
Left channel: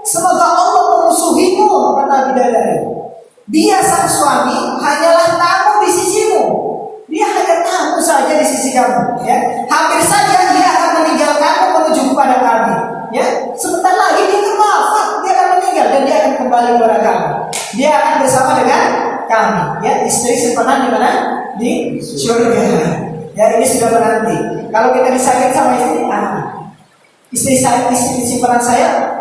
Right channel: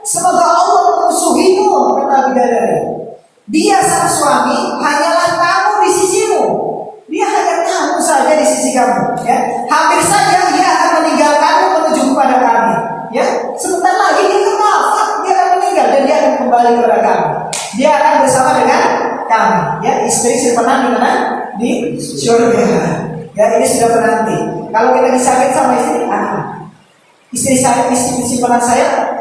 semoga Allah memusuhimu, kata bidadari. Dia sang suami hanyalah tamu di sisimu, dia hanya tamu saja di sisi kamu, ya. Hampir saja dia akan meninggalkanmu menuju kepada kami. Ya, sebentar lagi dia akan wafat, dia akan meninggal dan dia akan kembali kepada kami. Dia akan bersama dengan kami. Ya, istri simpanan di mana? Di surga. Ya, ini sudah menanti. Kalau kita disakiti sama istri, istri simpanan saya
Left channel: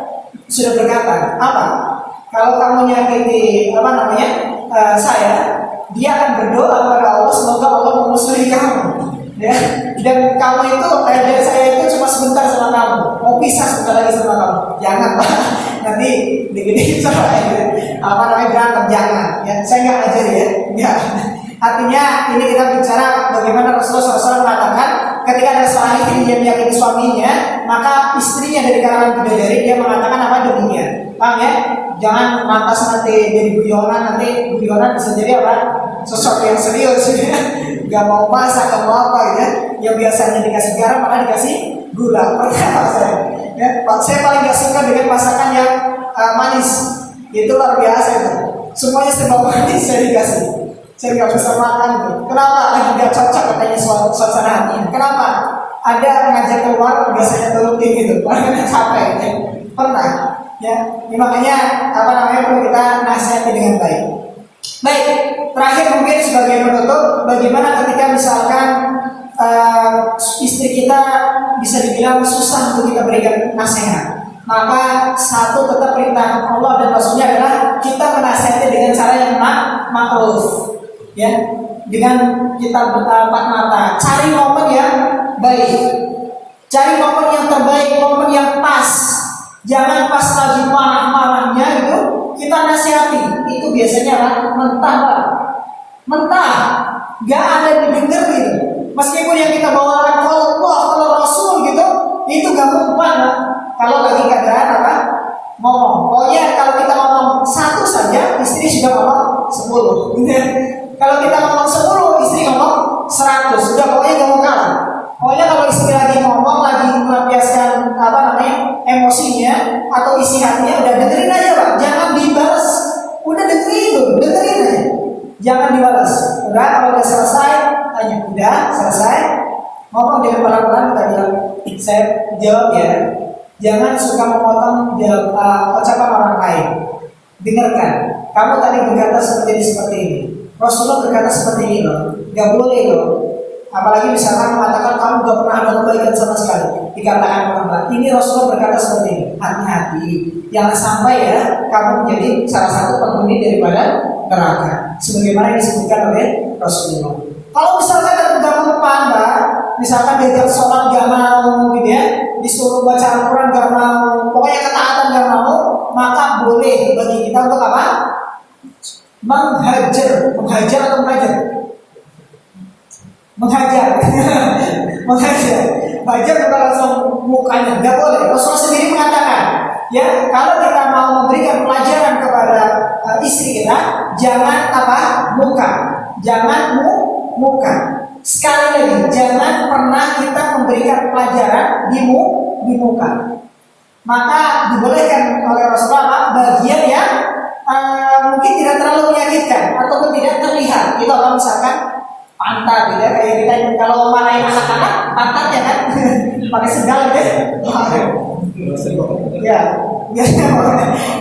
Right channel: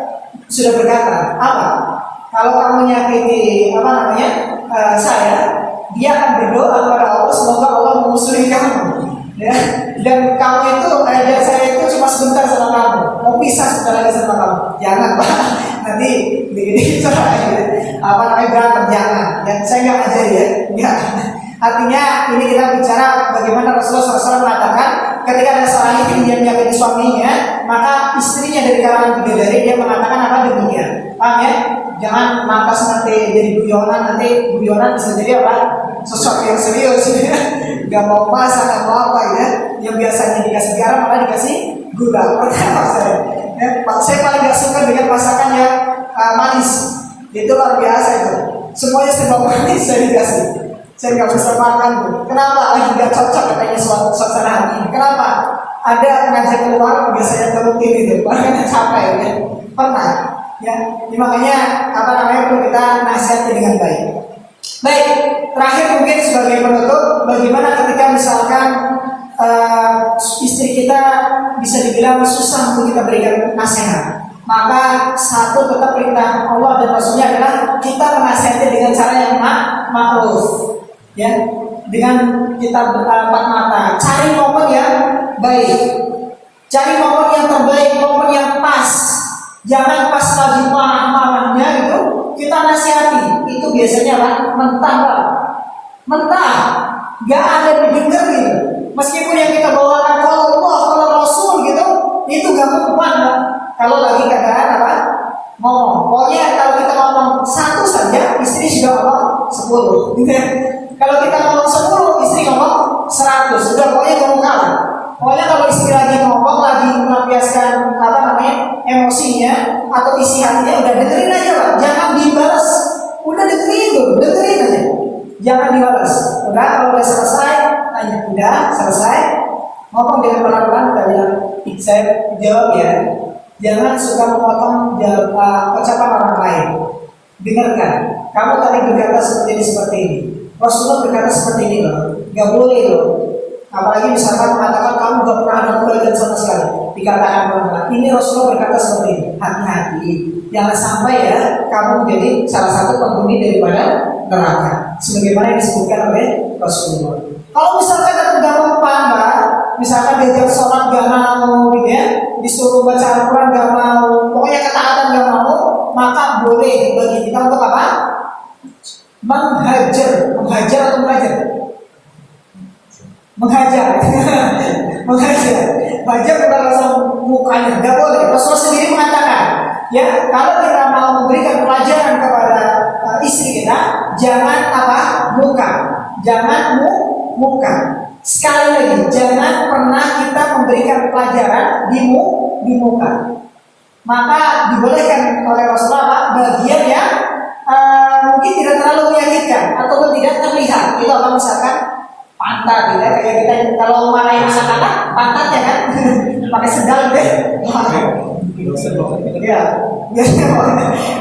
sudah berkata, apa? Kalau kamu nyakiti saya, dia akan berdoa kepada Allah semoga Allah memusuhi kamu. Ya, dan kamu itu, dan saya itu cuma sebentar sama kamu, mau pisah sebentar lagi sama kamu. Jangan Pak, nanti dikit-dikit cerai, berantem, jangan. Ya, saya nggak ajari ya, nggak. Artinya ini kita bicara bagaimana Rasulullah SAW mengatakan, ketika ada seorang istri dia menyakiti suaminya, maka istrinya dari kalangan bidadari dia mengatakan apa demikian. Paham ya? Jangan lantas nanti jadi guyonan, nanti guyonan bisa jadi apa? Sesuatu yang serius. Gak mau masak, gak mau apa ya. Yang biasanya dikasih garam malah dikasih gula. Pertama saya paling gak suka dengan masakan yang manis. Itu luar biasa itu. Semuanya serba manis saya dikasih. Saya gak bisa makan tuh. Kenapa? Lagi gak cocok katanya suasana hati. Kenapa? Ada ngajak keluar biasanya turutin gitu. Padahal capek ya. Pernah. Ya, makanya perlu kita nasihati dengan baik. Baik, terakhir mungkin sebagai penutup, bagaimana ketika misalkan istri kita bisa dibilang susah untuk kita berikan nasihat. Maka satu tetap perintah Allah dan Rasulnya adalah kita menasihati dengan cara yang makruf. Ya, dengan kita empat mata. Cari momen yang baik, cari momen yang terbaik, momen yang pas. Jangan pas lagi marah-marahnya gitu kita nasihati, itu biasanya apa? Mentah, Pak. Mentah, gak ada didengar gitu. Meskipun yang kita bawakan kalau Allah, kalau Rasul gitu, itu gak mempan, Pak. Kalau lagi keadaan apa? Ngomong. Pokoknya kalau kita ngomong satu saja, istri sudah ngomong 10. Gitu ya. Kalau kita ngomong 10, istri ngomong 100. Sudah pokoknya ngomong kalah. Pokoknya kalau istri lagi ngomong, lagi melampiaskan emosinya atau isi hatinya, udah dengerin aja, Pak. Jangan dibalas. Udah dengerin aja. Jangan dibalas. Udah, kalau udah selesai, tanya. Udah selesai. Ngomong dengan pelan-pelan, kita bilang, saya jawab ya. Jangan suka memotong ucapan orang lain. Dengarkan. Kamu tadi berkata seperti ini. Rasulullah berkata seperti ini loh. Gak boleh loh. Apalagi misalkan mengatakan kamu gak pernah ada kebaikan sama sekali. Dikatakan orang-orang. Ini Rasulullah berkata seperti ini. Hati-hati. Jangan sampai ya kamu menjadi salah satu penghuni daripada neraka. Sebagaimana yang disebutkan oleh Rasulullah. Kalau misalkan tetap gak mempan, Pak. Misalkan diajak sholat gak mau gitu ya, disuruh baca Al-Quran gak mau, pokoknya ketaatan gak mau, maka boleh bagi kita untuk apa? Menghajar atau mengajar? Menghajar. Menghajar bukan langsung mukanya, gak boleh. Rasulullah sendiri mengatakan, ya kalau kita mau memberikan pelajaran kepada istri kita, jangan muka, jangan muka. Sekali lagi, jangan pernah kita memberikan pelajaran di muka. Maka dibolehkan oleh Rasulullah bagian yang mungkin tidak terlalu menyakitkan ataupun tidak terlihat. Itu apa misalkan pantat, gitu ya. Kayak kita kalau marahin anak-anak, pantatnya kan pakai sendal deh. Ya,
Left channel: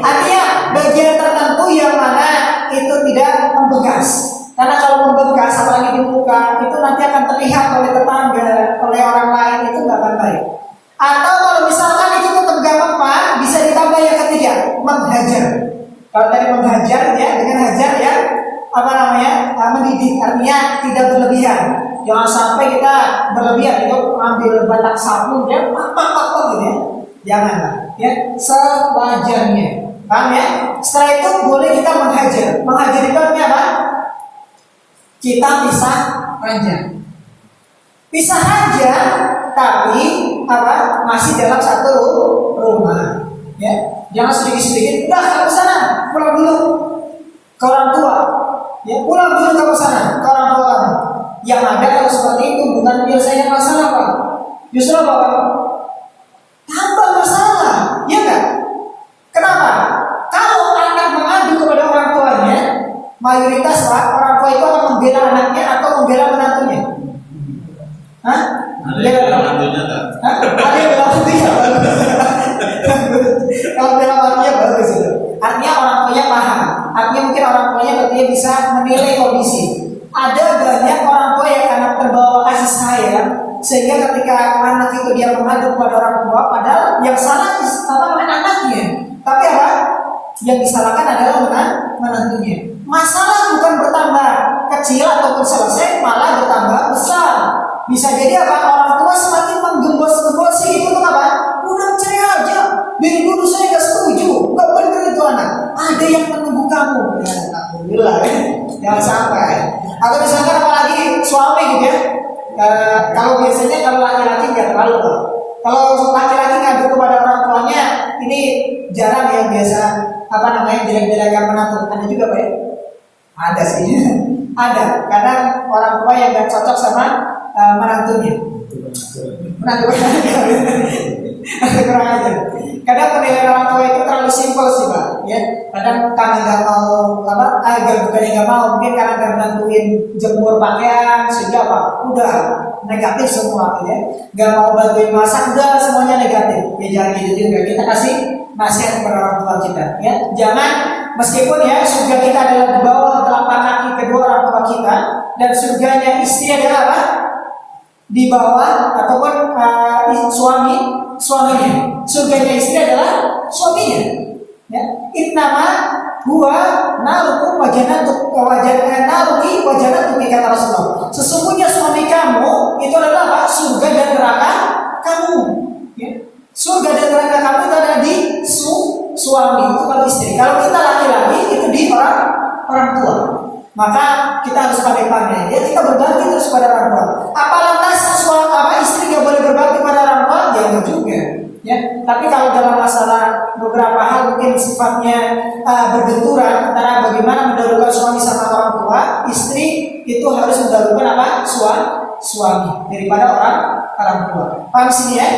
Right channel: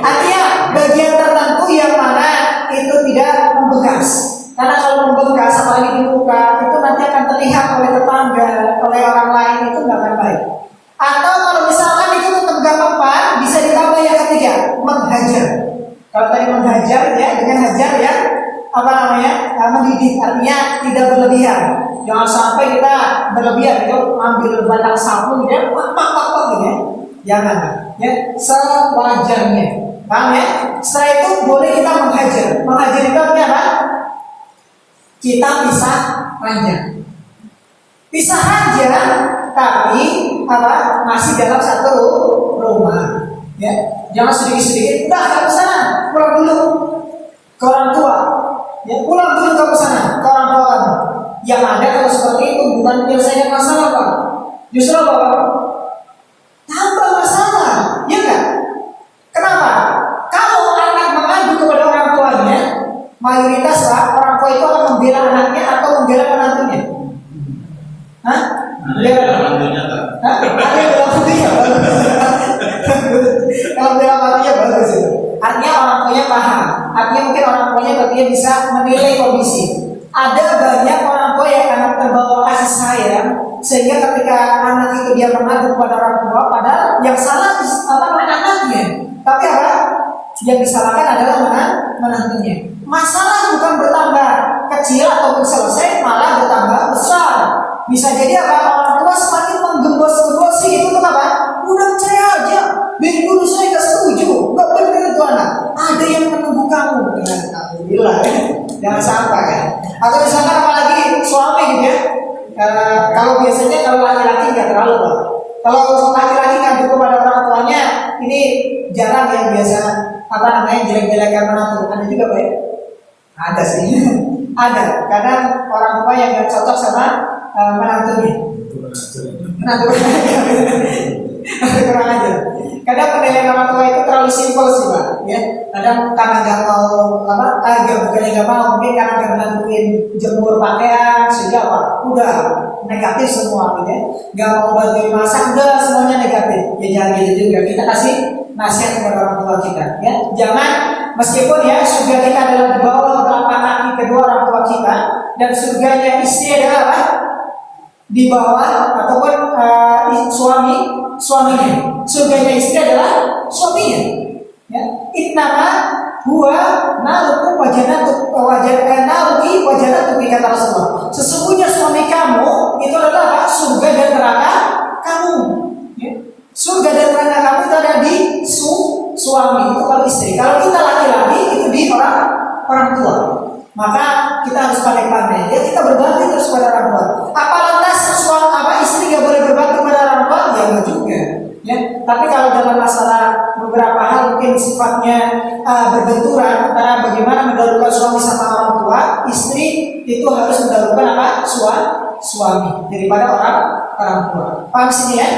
artinya bagian tertentu yang mana itu tidak membekas. Karena kalau membekas apalagi di muka itu nanti akan terlihat oleh tetangga, oleh orang lain, itu nggak akan baik. Atau kalau misalkan itu tetap gak mempan, bisa ditambah yang ketiga, menghajar. Kalau tadi menghajar ya, dengan hajar ya, mendidik, artinya tidak berlebihan. Jangan sampai kita berlebihan, itu ambil batang sapu ya, pak gitu ya. Jangan, ya, sewajarnya. Paham ya? Setelah itu boleh kita menghajar. Menghajar itu artinya apa? Kita pisah ranjang. Pisah ranjang tapi masih dalam satu rumah. Ya, jangan sedikit-sedikit. Udah kamu sana, pulang dulu ke orang tua. Ya, pulang dulu kamu sana ke orang tua kamu. Yang ada kalau seperti itu bukan menyelesaikan masalah, Pak. Justru apa? Tambah masalah, ya kan? Kenapa? Kalau anak mengadu kepada orang tuanya, mayoritas Pak, orang tua itu akan membela anaknya atau membela menantunya. Hah? Bela menantunya tak? Ada yang bela menantunya bagus. Kalau bela menantunya bagus itu. Artinya orang tuanya paham. Artinya mungkin orang tuanya berarti bisa menilai kondisi. Ada banyak orang tua yang karena terbawa kasih sayang sehingga ketika anak itu dia mengadu kepada orang tua, padahal yang salah anaknya. Tapi apa? Yang disalahkan adalah menantunya. Masalah bukan bertambah kecil ataupun selesai, malah bertambah besar. Bisa jadi apa? Orang tua semakin menggembos-gembosi itu untuk apa? Udah cerai aja. Dari dulu saya gak setuju. Gak bener itu anak. Ada yang menunggu kamu. Ya, alhamdulillah ya. Jangan sampai. Atau misalkan apalagi suami gitu ya. Kalau biasanya kalau laki-laki nggak terlalu. Kalau laki-laki ngadu kepada orang tuanya, ini jarang yang biasa jelek-jelekan menantu. Ada juga Pak ya? Ada sih. Ada. Kadang orang tua yang gak cocok sama menantunya. Kurang aja. Kadang penilaian orang tua itu terlalu simpel sih Pak. Ya. Kadang karena nggak mau bukannya nggak mau, mungkin karena nggak bantuin jemur pakaian sehingga udah negatif semua gitu ya. Nggak mau bantuin masak, udah semuanya negatif. Ya jangan gitu juga. Kita kasih nasihat kepada orang tua kita. Ya jangan, meskipun ya surga kita adalah di bawah telapak kaki kedua orang tua kita, dan surganya istri adalah apa? Di bawah ataupun suaminya. Surganya istri adalah suaminya. Ya, innama huwa narukum wa wajanatuki kata Rasulullah. Sesungguhnya suami kamu itu adalah apa? Surga dan neraka kamu. Ya. Surga dan neraka kamu itu ada di suami, itu kalau istri. Kalau kita laki-laki itu di orang tua. Maka kita harus pandai-pandai. Ya, kita berbakti terus pada orang tua. Apa lantas istri nggak boleh berbakti pada orang tua? Ya enggak juga. Ya, tapi kalau dalam masalah beberapa hal mungkin sifatnya berbenturan antara bagaimana mendahulukan suami sama orang tua, istri itu harus mendahulukan apa? Suami daripada orang tua. Paham sini ya?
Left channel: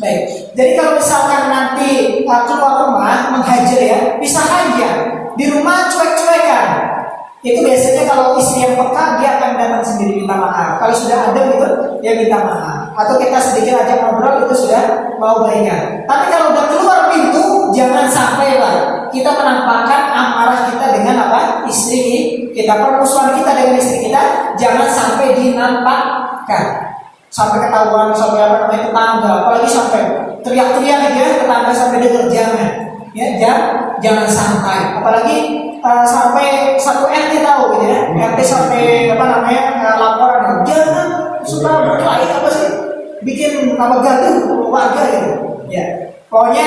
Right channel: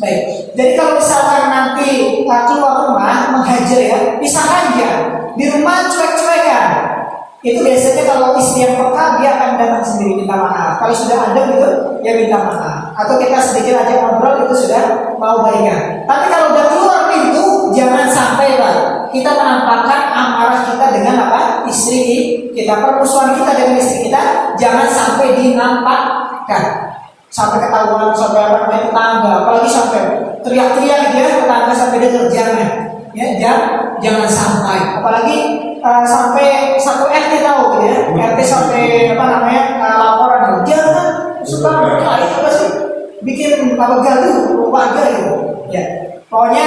Baik. Jadi kalau misalkan nanti keluar rumah menghajar ya, bisa haja di rumah cuek-cuekan. Itu biasanya kalau istri yang peka dia akan datang sendiri minta maaf. Kalau sudah adem itu ya minta maaf. Atau kita sedikit aja ngobrol itu sudah mau baikan. Tapi kalau udah keluar pintu jangan sampai Pak kita menampakkan amarah kita dengan apa? Istri kita, permusuhan kita dengan istri kita jangan sampai dinampakkan. Sampai ketahuan, sampai apa namanya tetangga, apalagi sampai teriak-teriak ya tetangga sampai dengar jangan. Ya, jangan sampai. Apalagi sampai satu RT tahu gitu ya. RT sampai apa namanya laporan jangan suka berkelahi apa sih bikin apa gaduh warga gitu ya. Pokoknya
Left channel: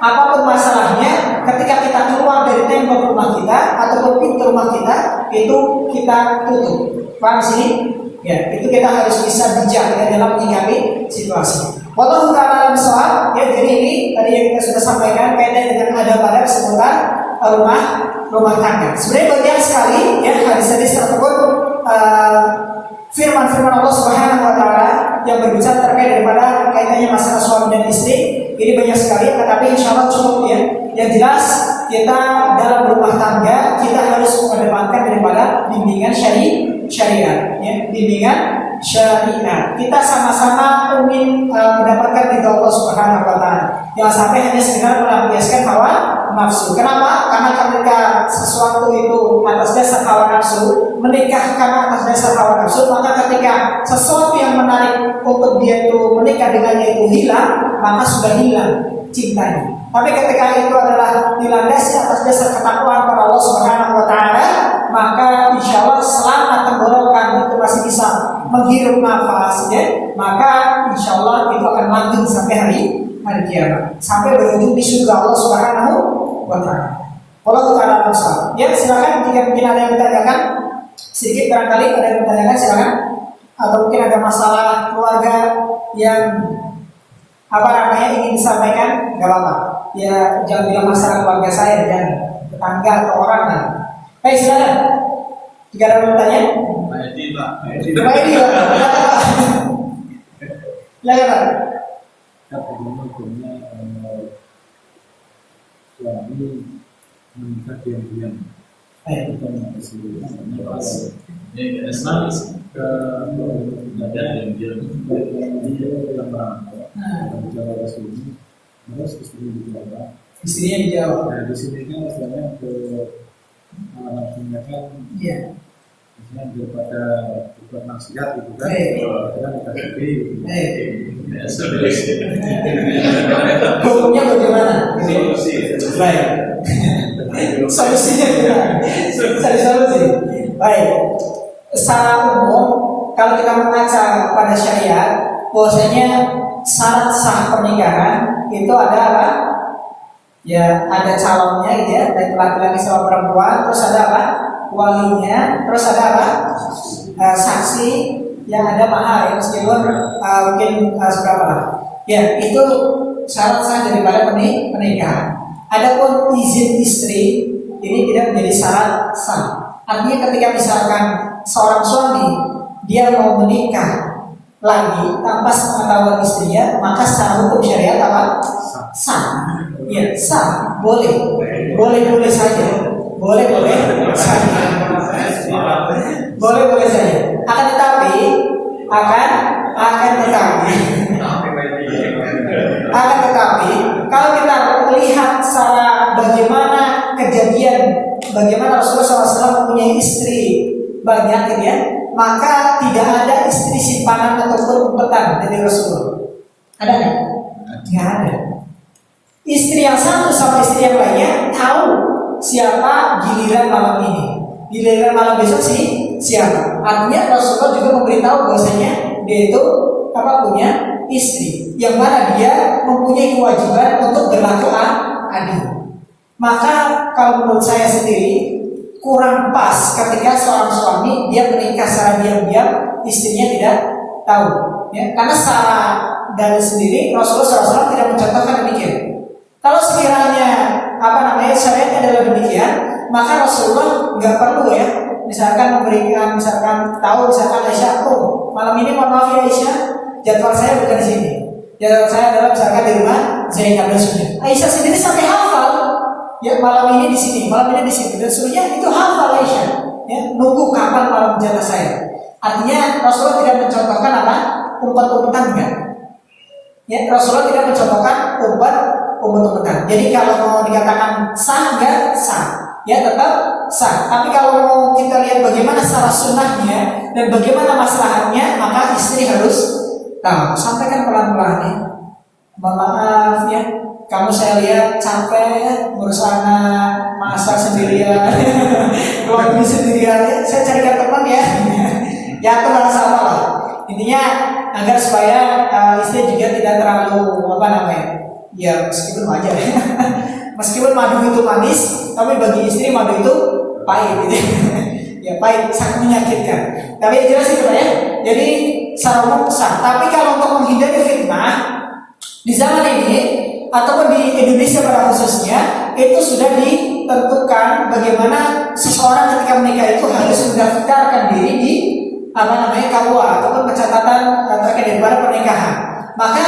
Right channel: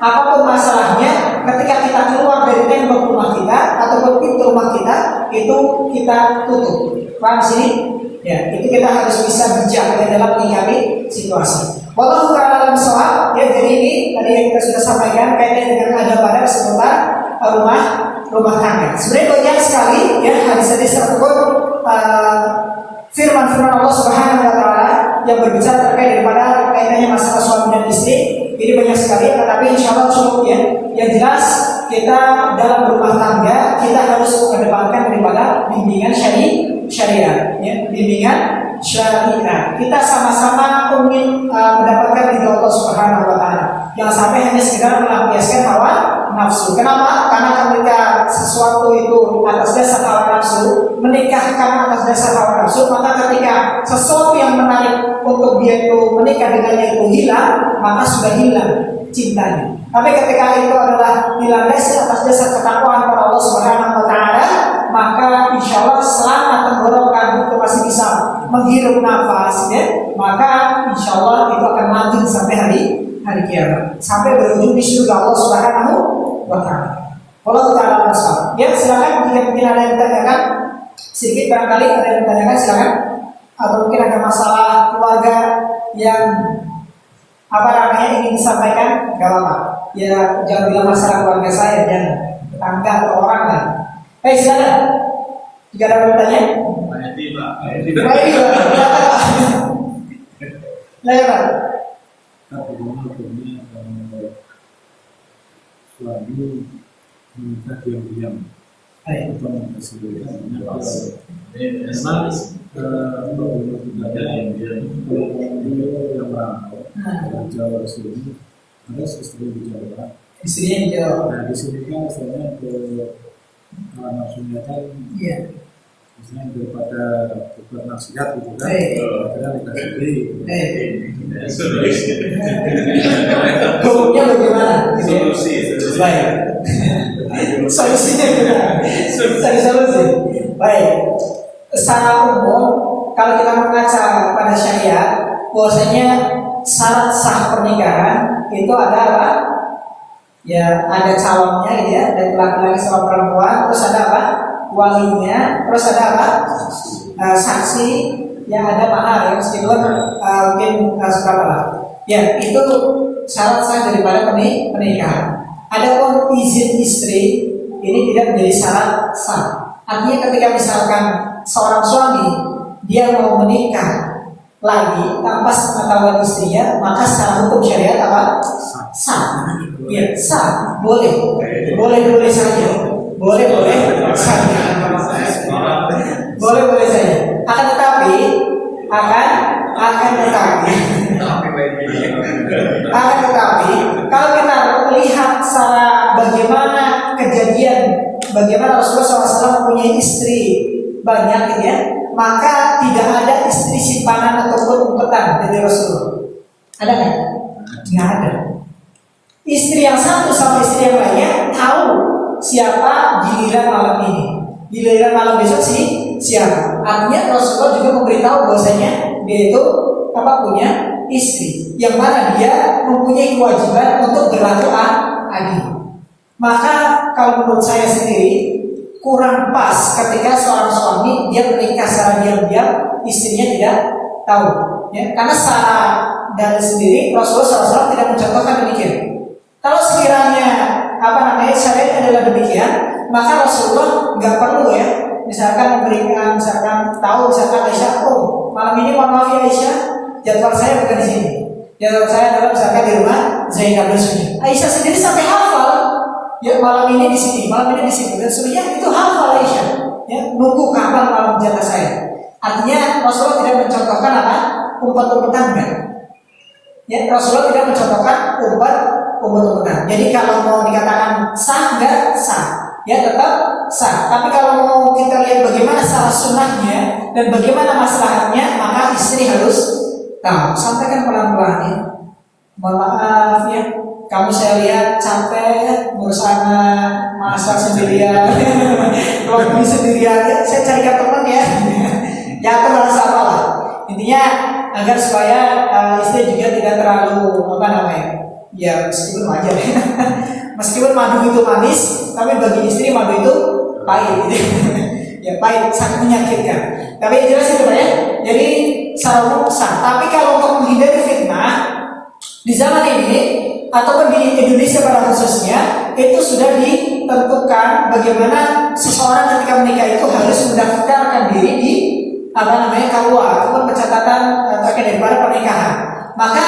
apapun masalahnya ketika kita keluar dari tembok rumah kita ataupun pintu rumah kita itu kita tutup. Paham sih? Ya, itu kita harus bisa bijak ya, dalam menyikapi situasi. Wallahu ta'ala alam shawab. Ya, jadi ini tadi yang kita sudah sampaikan kaitannya dengan adab-adab seputar rumah tangga. Sebenarnya banyak sekali ya hadis-hadis tersebut firman-firman Allah Subhanahu wa taala yang berbicara terkait daripada kaitannya masalah suami dan istri. Ini banyak sekali ya, tetapi insya Allah cukup ya. Yang jelas kita dalam rumah tangga kita harus mengedepankan daripada bimbingan syariat ya, bimbingan syariat. Kita sama-sama ingin mendapatkan ridha Allah Subhanahu wa taala. Jangan sampai hanya sekedar melampiaskan hawa nafsu. Kenapa? Karena ketika sesuatu itu atas dasar hawa nafsu, menikah karena atas dasar hawa nafsu, maka ketika sesuatu yang menarik untuk dia itu menikah dengannya itu hilang, maka sudah hilang cintanya. Tapi ketika itu adalah dilandasi atas dasar ketakwaan kepada Allah Subhanahu wa taala, maka insya Allah selama tenggorokan itu masih bisa menghirup nafas ya, maka insya Allah itu akan langgeng sampai hari kiamat, sampai berujung di surga Allah Subhanahu wa taala. Allah taala bersama. Ya, silakan jika mungkin ada yang bertanyakan sedikit, barangkali ada yang bertanyakan silakan, atau mungkin ada masalah keluarga yang apa namanya ingin disampaikan, nggak apa-apa. Ya jangan bilang masalah keluarga saya dan tetangga atau orang lain. Baik, silakan. Jika ada yang bertanya. Baik, Pak. Hukumnya suami menikah diam-diam atau mempersesuaikan yang merantau dari Jawa ke sini, terus istri di Jawa. Istrinya di Jawa. Nah di sini kan istilahnya ke nafsunya kan, iya. misalnya daripada buat nasihat gitu kan, kita nikah sendiri. Hukumnya bagaimana? Solusi. Baik. Solusinya gimana? Cari solusi. Baik. Secara umum, kalau kita mengaca pada syariat, bahwasanya syarat sah pernikahan itu ada apa? Ya, ada calonnya gitu ya, dari laki-laki sama perempuan, terus ada apa? Walinya, terus ada apa? Saksi, yang ada mahar ya, meskipun mungkin seberapa lah. Ya, itu syarat sah daripada pernikahan. Adapun izin istri ini tidak menjadi syarat sah. Artinya ketika misalkan seorang suami dia mau menikah lagi tanpa sepengetahuan istrinya, maka secara hukum syariat apa? Sah. Ya, sah. Boleh saja. Boleh saja. Boleh saja. Akan tetapi kalau kita melihat secara bagaimana Rasulullah SAW mempunyai istri banyak ya, maka tidak ada istri simpanan ataupun umpetan dari Rasulullah. Ada nggak? Nggak ada. Istri yang satu sama istri yang lainnya tahu siapa giliran malam ini. Giliran malam besok siapa? Artinya Rasulullah juga memberitahu bahwasanya dia itu punya istri, yang mana dia mempunyai kewajiban untuk berlaku adil. Maka kalau menurut saya sendiri kurang pas ketika seorang suami dia menikah secara diam-diam, istrinya tidak tahu. Ya, karena secara dalil sendiri Rasulullah SAW tidak mencontohkan demikian. Kalau sekiranya syariatnya adalah demikian, maka Rasulullah nggak perlu ya, misalkan memberikan, misalkan tahu, misalkan Aisyah, oh malam ini mohon maaf ya Aisyah, jadwal saya bukan di sini. Jadwal saya adalah misalkan di rumah Zainab dan Sunnah. Aisyah sendiri sampai hafal, ya malam ini di sini, malam ini di situ, dan Sunnah itu hafal Aisyah. Ya, nunggu kapan malam jatah saya. Artinya Rasulullah tidak mencontohkan umpet-umpetan enggak. Ya, Rasulullah tidak mencontohkan umpet-umpetan. Jadi kalau mau dikatakan sah enggak sah, ya tetap sah. Tapi kalau mau kita lihat bagaimana salah sunnahnya dan bagaimana masalahnya, maka istri harus tahu. Sampaikan pelan-pelan ya. Mohon maaf ya, kamu saya lihat capek ngurus anak, masak sendirian, laundry sendirian. Ya, saya carikan teman ya. Ya aku merasa apalah. Intinya agar supaya istri juga tidak terlalu ya meskipun wajar ya. Meskipun madu itu manis, tapi bagi istri madu itu pahit gitu. Ya pahit, sangat menyakitkan. Tapi jelas itu ya. Jadi secara umum sah. Tapi kalau untuk menghindari fitnah di zaman ini ataupun di Indonesia pada khususnya, itu sudah ditentukan bagaimana seseorang ketika menikah itu harus mendaftarkan diri di KUA ataupun pencatatan terkait daripada pernikahan. Maka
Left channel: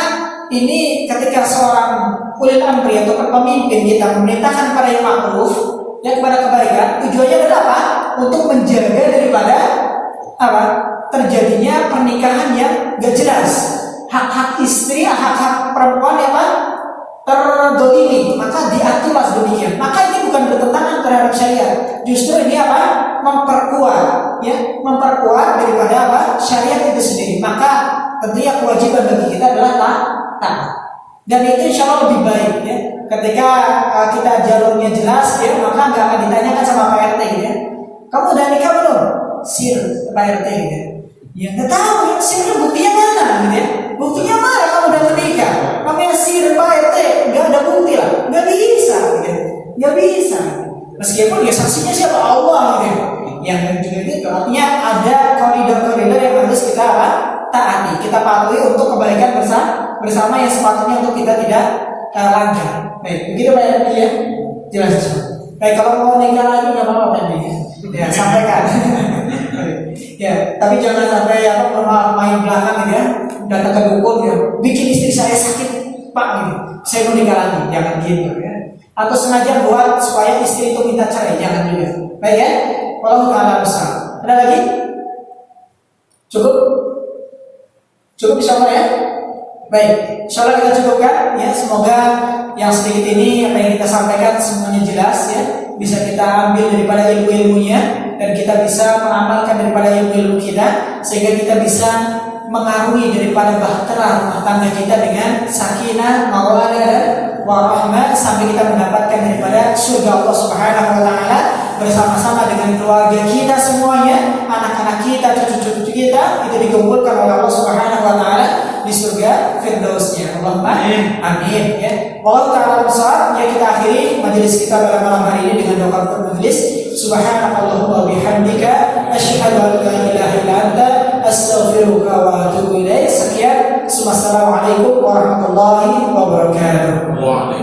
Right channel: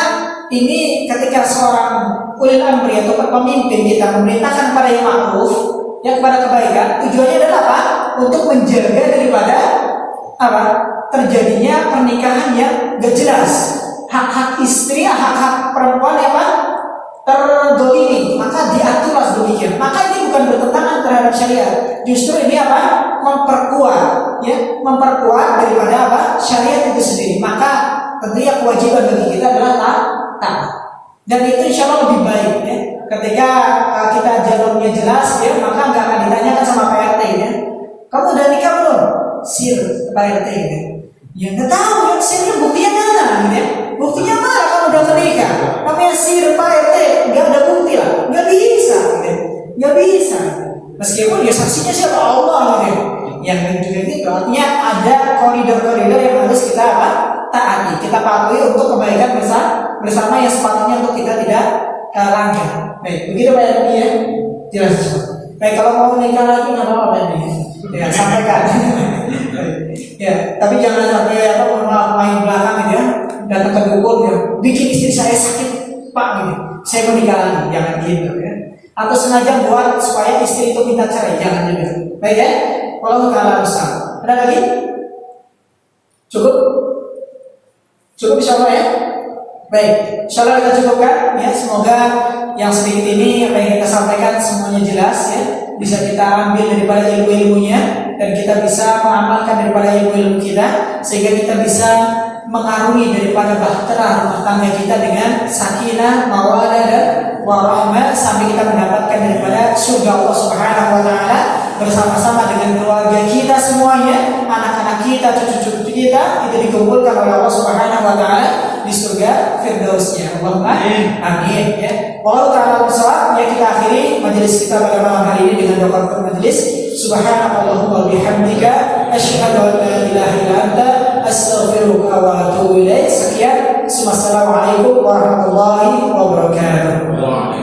ini ketika seorang ulil amri atau pemimpin kita memerintahkan pada yang ma'ruf, yang kepada kebaikan, tujuannya adalah apa? Untuk menjaga daripada terjadinya pernikahan yang gak jelas. Hak-hak istri, hak-hak perempuan terdolimi, maka diaturlah demikian. Maka ini bukan bertentangan terhadap syariat. Justru ini memperkuat daripada syariat itu sendiri. Maka tentunya kewajiban bagi kita adalah taat. Dan itu insya Allah lebih baik ya. Ketika kita jalurnya jelas ya, maka nggak akan ditanyakan sama Pak RT ya. Kamu udah nikah belum? Sir Pak RT ya. Ya nggak tahu ya, sirnya buktinya mana gitu ya. Buktinya mana kamu udah menikah? Namanya sir Pak RT, nggak ada bukti lah, nggak bisa gitu ya. Nggak bisa. Meskipun dia saksinya siapa? Allah gitu ya. Yang juga gitu, artinya ada koridor-koridor yang harus kita taati, kita patuhi untuk kebaikan bersama yang sepatutnya untuk kita tidak langgar. Baik, begitu Pak RT ya. Jelas semua. Baik, kalau mau nikah lagi nggak apa-apa Pak RT. Ya sampaikan. Ya, tapi jangan sampai main belakang ya, datang ke dukun ya, bikin istri saya sakit Pak gitu. Saya mau nikah lagi, jangan gitu ya. Atau sengaja buat supaya istri itu minta cerai, jangan juga. Baik ya, kalau ta'ala besar. Ada lagi? Cukup insyaallah ya. Baik, insyaallah kita cukupkan ya. Semoga yang sedikit ini apa yang kita sampaikan semuanya jelas ya, bisa kita ambil daripada ilmu-ilmunya dan kita bisa mengamalkan daripada ilmu-ilmu kita sehingga kita bisa mengarungi daripada bahtera rumah tangga kita dengan sakinah, mawaddah dan warahmah sampai kita mendapatkan daripada surga Allah Subhanahu wa taala bersama-sama dengan keluarga kita semuanya, anak-anak kita, cucu-cucu kita itu dikumpulkan oleh Allah Subhanahu wa taala di surga Firdausnya. Allahumma amin ya. Wallahu ta'ala bishawab. Ya, kita akhiri majelis kita pada malam hari ini dengan doa penutup majelis. Subhanakallahumma wa bihamdika asyhadu an la ilaha illa anta astaghfiruka wa atubu ilaik. Sekian. Wassalamualaikum warahmatullahi wabarakatuh.